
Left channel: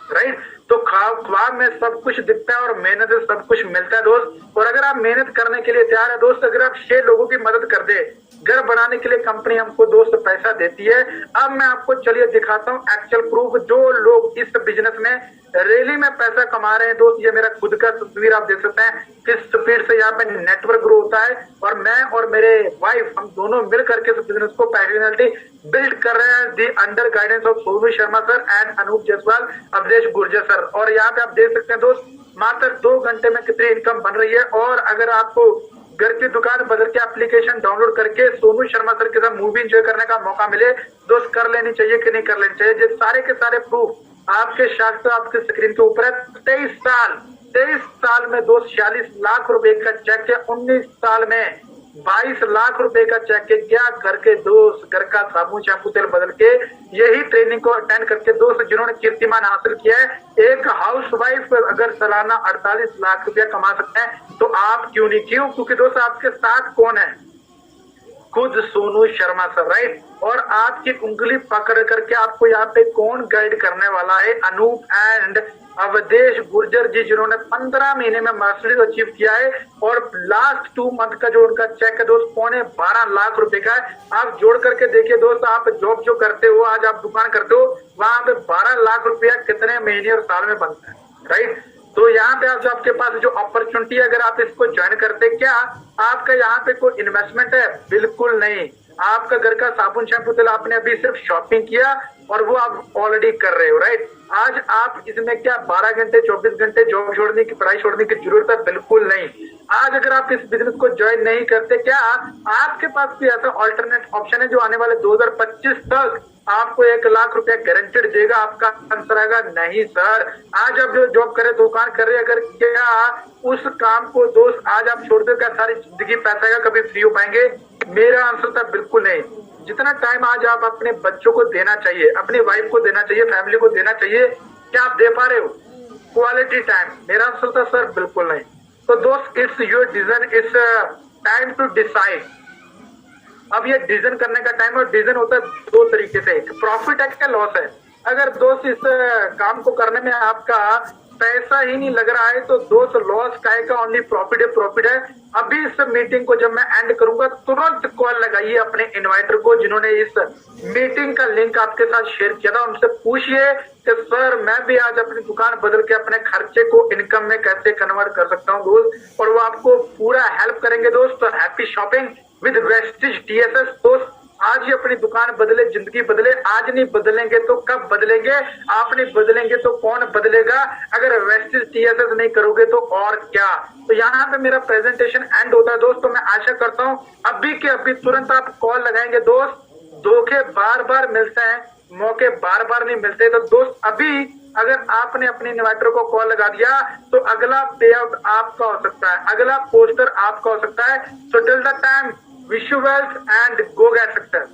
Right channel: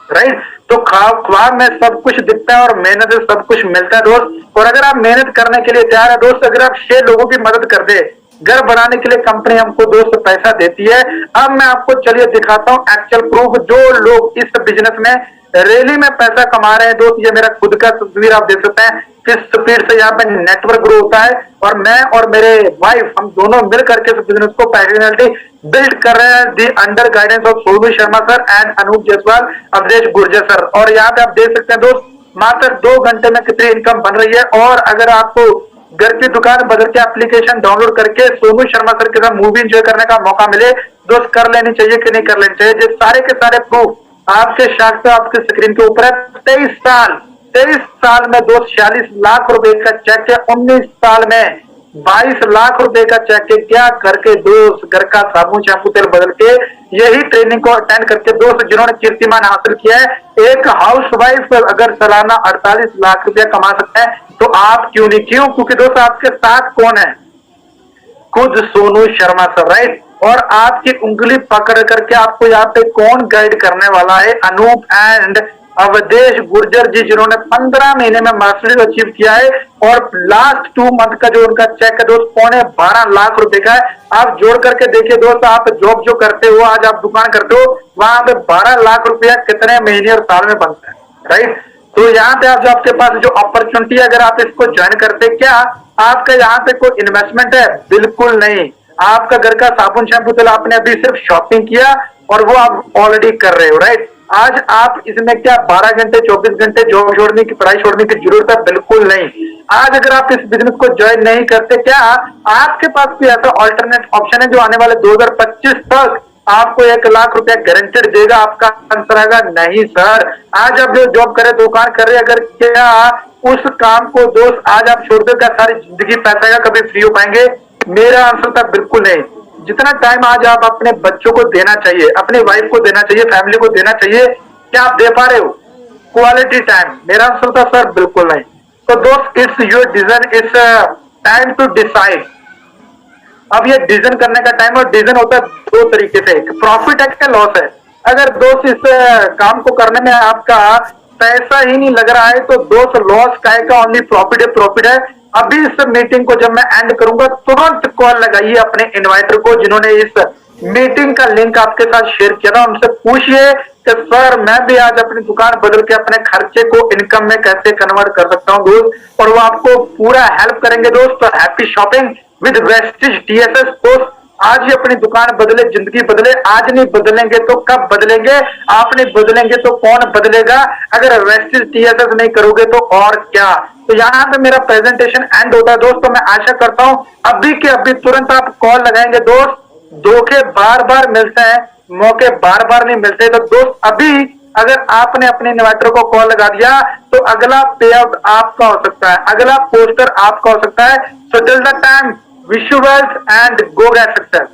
राइट। तो ख्वाब में सब कुछ दिखता है और मेहनत से सब कुछ मिलता है दोस्त। और अगर आप मेहनत करने के लिए तैयार है दोस्त, अगर आप 6 लोगों की मदद कर दे, घर बनाने के लिए कंपनी हमको दोस्त पैसा देती है। अब मैं आपको चलिए दिखाता हूं एक्चुअल प्रूफ, जो लोग इस बिजनेस में रैली में पैसा कमा रहे हैं दोस्त। ये मेरा खुद का तस्वीर आप देख सकते हैं किस स्पीड से यहाँ पे नेटवर्क ग्रो होता है। और मैं और मेरे वाइफ, हम दोनों मिल करके इस बिजनेस को पैशनेटली बिल्ड कर रहे हैं, the under guidance of Sonu Sharma sir and Anoop Jaiswal, Awadhesh Gurjar sir. और यहाँ पे आप देख सकते हैं दोस्त, मात्र 2 घंटे में कितनी इनकम बन रही है। और अगर आपको घर की दुकान बदल के एप्लीकेशन डाउनलोड करके सोनू शर्मा सर के साथ मूवी एंजॉय करने का मौका मिले, दोस्त कर लेनी चाहिए कि नहीं कर लेनी चाहिए? ये सारे के सारे प्रूफ आपके साथ आपके स्क्रीन के ऊपर है। 23 साल में दोस्त 46 लाख रुपए का चेक है। 19 साल में 22 लाख रुपए का चेक है। क्या करके दोस्त? घर का साबुन, शैम्पू, तेल बदल के, यही ट्रेनिंग को अटेंड करके दोस्त जिन्होंने कीर्तिमान हासिल किया है। एक हाउसवाइफ अगर सालाना 48 लाख रुपया कमा सकता है, तो आप क्यों नहीं? क्यों? क्योंकि दोस्त आपके साथ कौन है? खुद सोनू शर्मा सर, राइट। और आपकी उंगली पकड़ करके आपको यहाँ पे कौन गाइड करने वाला है? अनूप एंड अवधेश गुर्जर जी, जिन्होंने 15 महीने में मर्सिडीज अचीव किया है। और लास्ट 2 मंथ का जो उनका चेक है दोस्त, 12.25 लाख रुपए का है। आप जोड़ करके देखिए दोस्त, आप जॉब जो करते हो, आज आप दुकान करते हो, वहां पे 12 लाख रुपया कितने महीने और साल में बनता है, राइट। तो यहाँ पे आप जो आपके पास जो अपॉर्चुनिटी है, अगर आप इसको ज्वाइन करते, क्या आपका यहाँ पे कोई इन्वेस्टमेंट है? बिल्कुल नहीं। आपका घर का साबुन, शैम्पू, तेल आपने अभी सिर्फ शॉपिंग किया और वो आप ऑलरेडी कर रहे हो, राइट। आज आप इसमें क्या 12 घंटे, 24 घंटे जॉब छोड़ने की, पढ़ाई छोड़ने की जरूरत है? बिल्कुल नहीं। आज अगर आप इस बिजनेस को ज्वाइन नहीं करते, क्या आपके पास कोई ऐसा ऑल्टरनेट ऑप्शन है जो आने वाले 2025 तक आपको 1 लाख रुपया गारंटेड देगा? आपका आंसर आएगा नहीं सर। आज आप जो जॉब करे, दुकान कर रहे, अगर क्या उस काम को दोस्त आज आप छोड़ दो, क्या सारी जिंदगी पैसा का कभी फ्री हो पाएंगे? मेरा आंसर था बिल्कुल नहीं। जितना टाइम आज आप अपने बच्चों को देना चाहिए, अपनी वाइफ को देना चाहिए, फैमिली को देना चाहिए, क्या आप दे पा रहे हो क्वालिटी टाइम? मेरा आंसर था सर बिल्कुल नहीं। तो दोस्त, it's your decision, it's time to decide. अब ये डिसीजन करने का टाइम, और डिसीजन होता है 2 तरीके से, प्रॉफिट है क्या लॉस है। अगर दोस्त इस काम को करने में आपका पैसा ही नहीं लग रहा है तो दोस्त लॉस काहे का, ओनली प्रॉफिट है। अभी इस मीटिंग को जब मैं एंड करूंगा तुरंत कॉल लगाइए अपने इन्वाइटर को जिन्होंने इस मीटिंग का लिंक आपके साथ शेयर किया था, उनसे पूछिए कि सर मैं भी आज अपनी दुकान बदल के अपने खर्चे को इनकम में कैसे कन्वर्ट कर सकता हूं दोस्त, और वो आपको पूरा हेल्प करेंगे दोस्त। तो happy shopping with Vestige TSS दोस्त। आज ही अपनी दुकान बदले, जिंदगी बदले। आज नहीं बदलेंगे तो कब बदलेंगे? आप नहीं बदलेंगे तो कौन बदलेगा? अगर वेस्टिज टीएसएस नहीं करोगे तो और क्या। तो यहाँ पे मेरा प्रेजेंटेशन एंड होता है दोस्त। तो मैं आशा करता हूं अभी के अभी तुरंत आप कॉल लगाएंगे दोस्त। धोखे बार बार मिलते हैं, मौके बार बार नहीं मिलते। तो दोस्त अभी अगर आपने अपने इन्वर्टर को कॉल लगा दिया तो अगला पे आउट आपका हो सकता है, अगला पोस्टर आपका हो सकता है। So till the time, wish you wealth and go get success.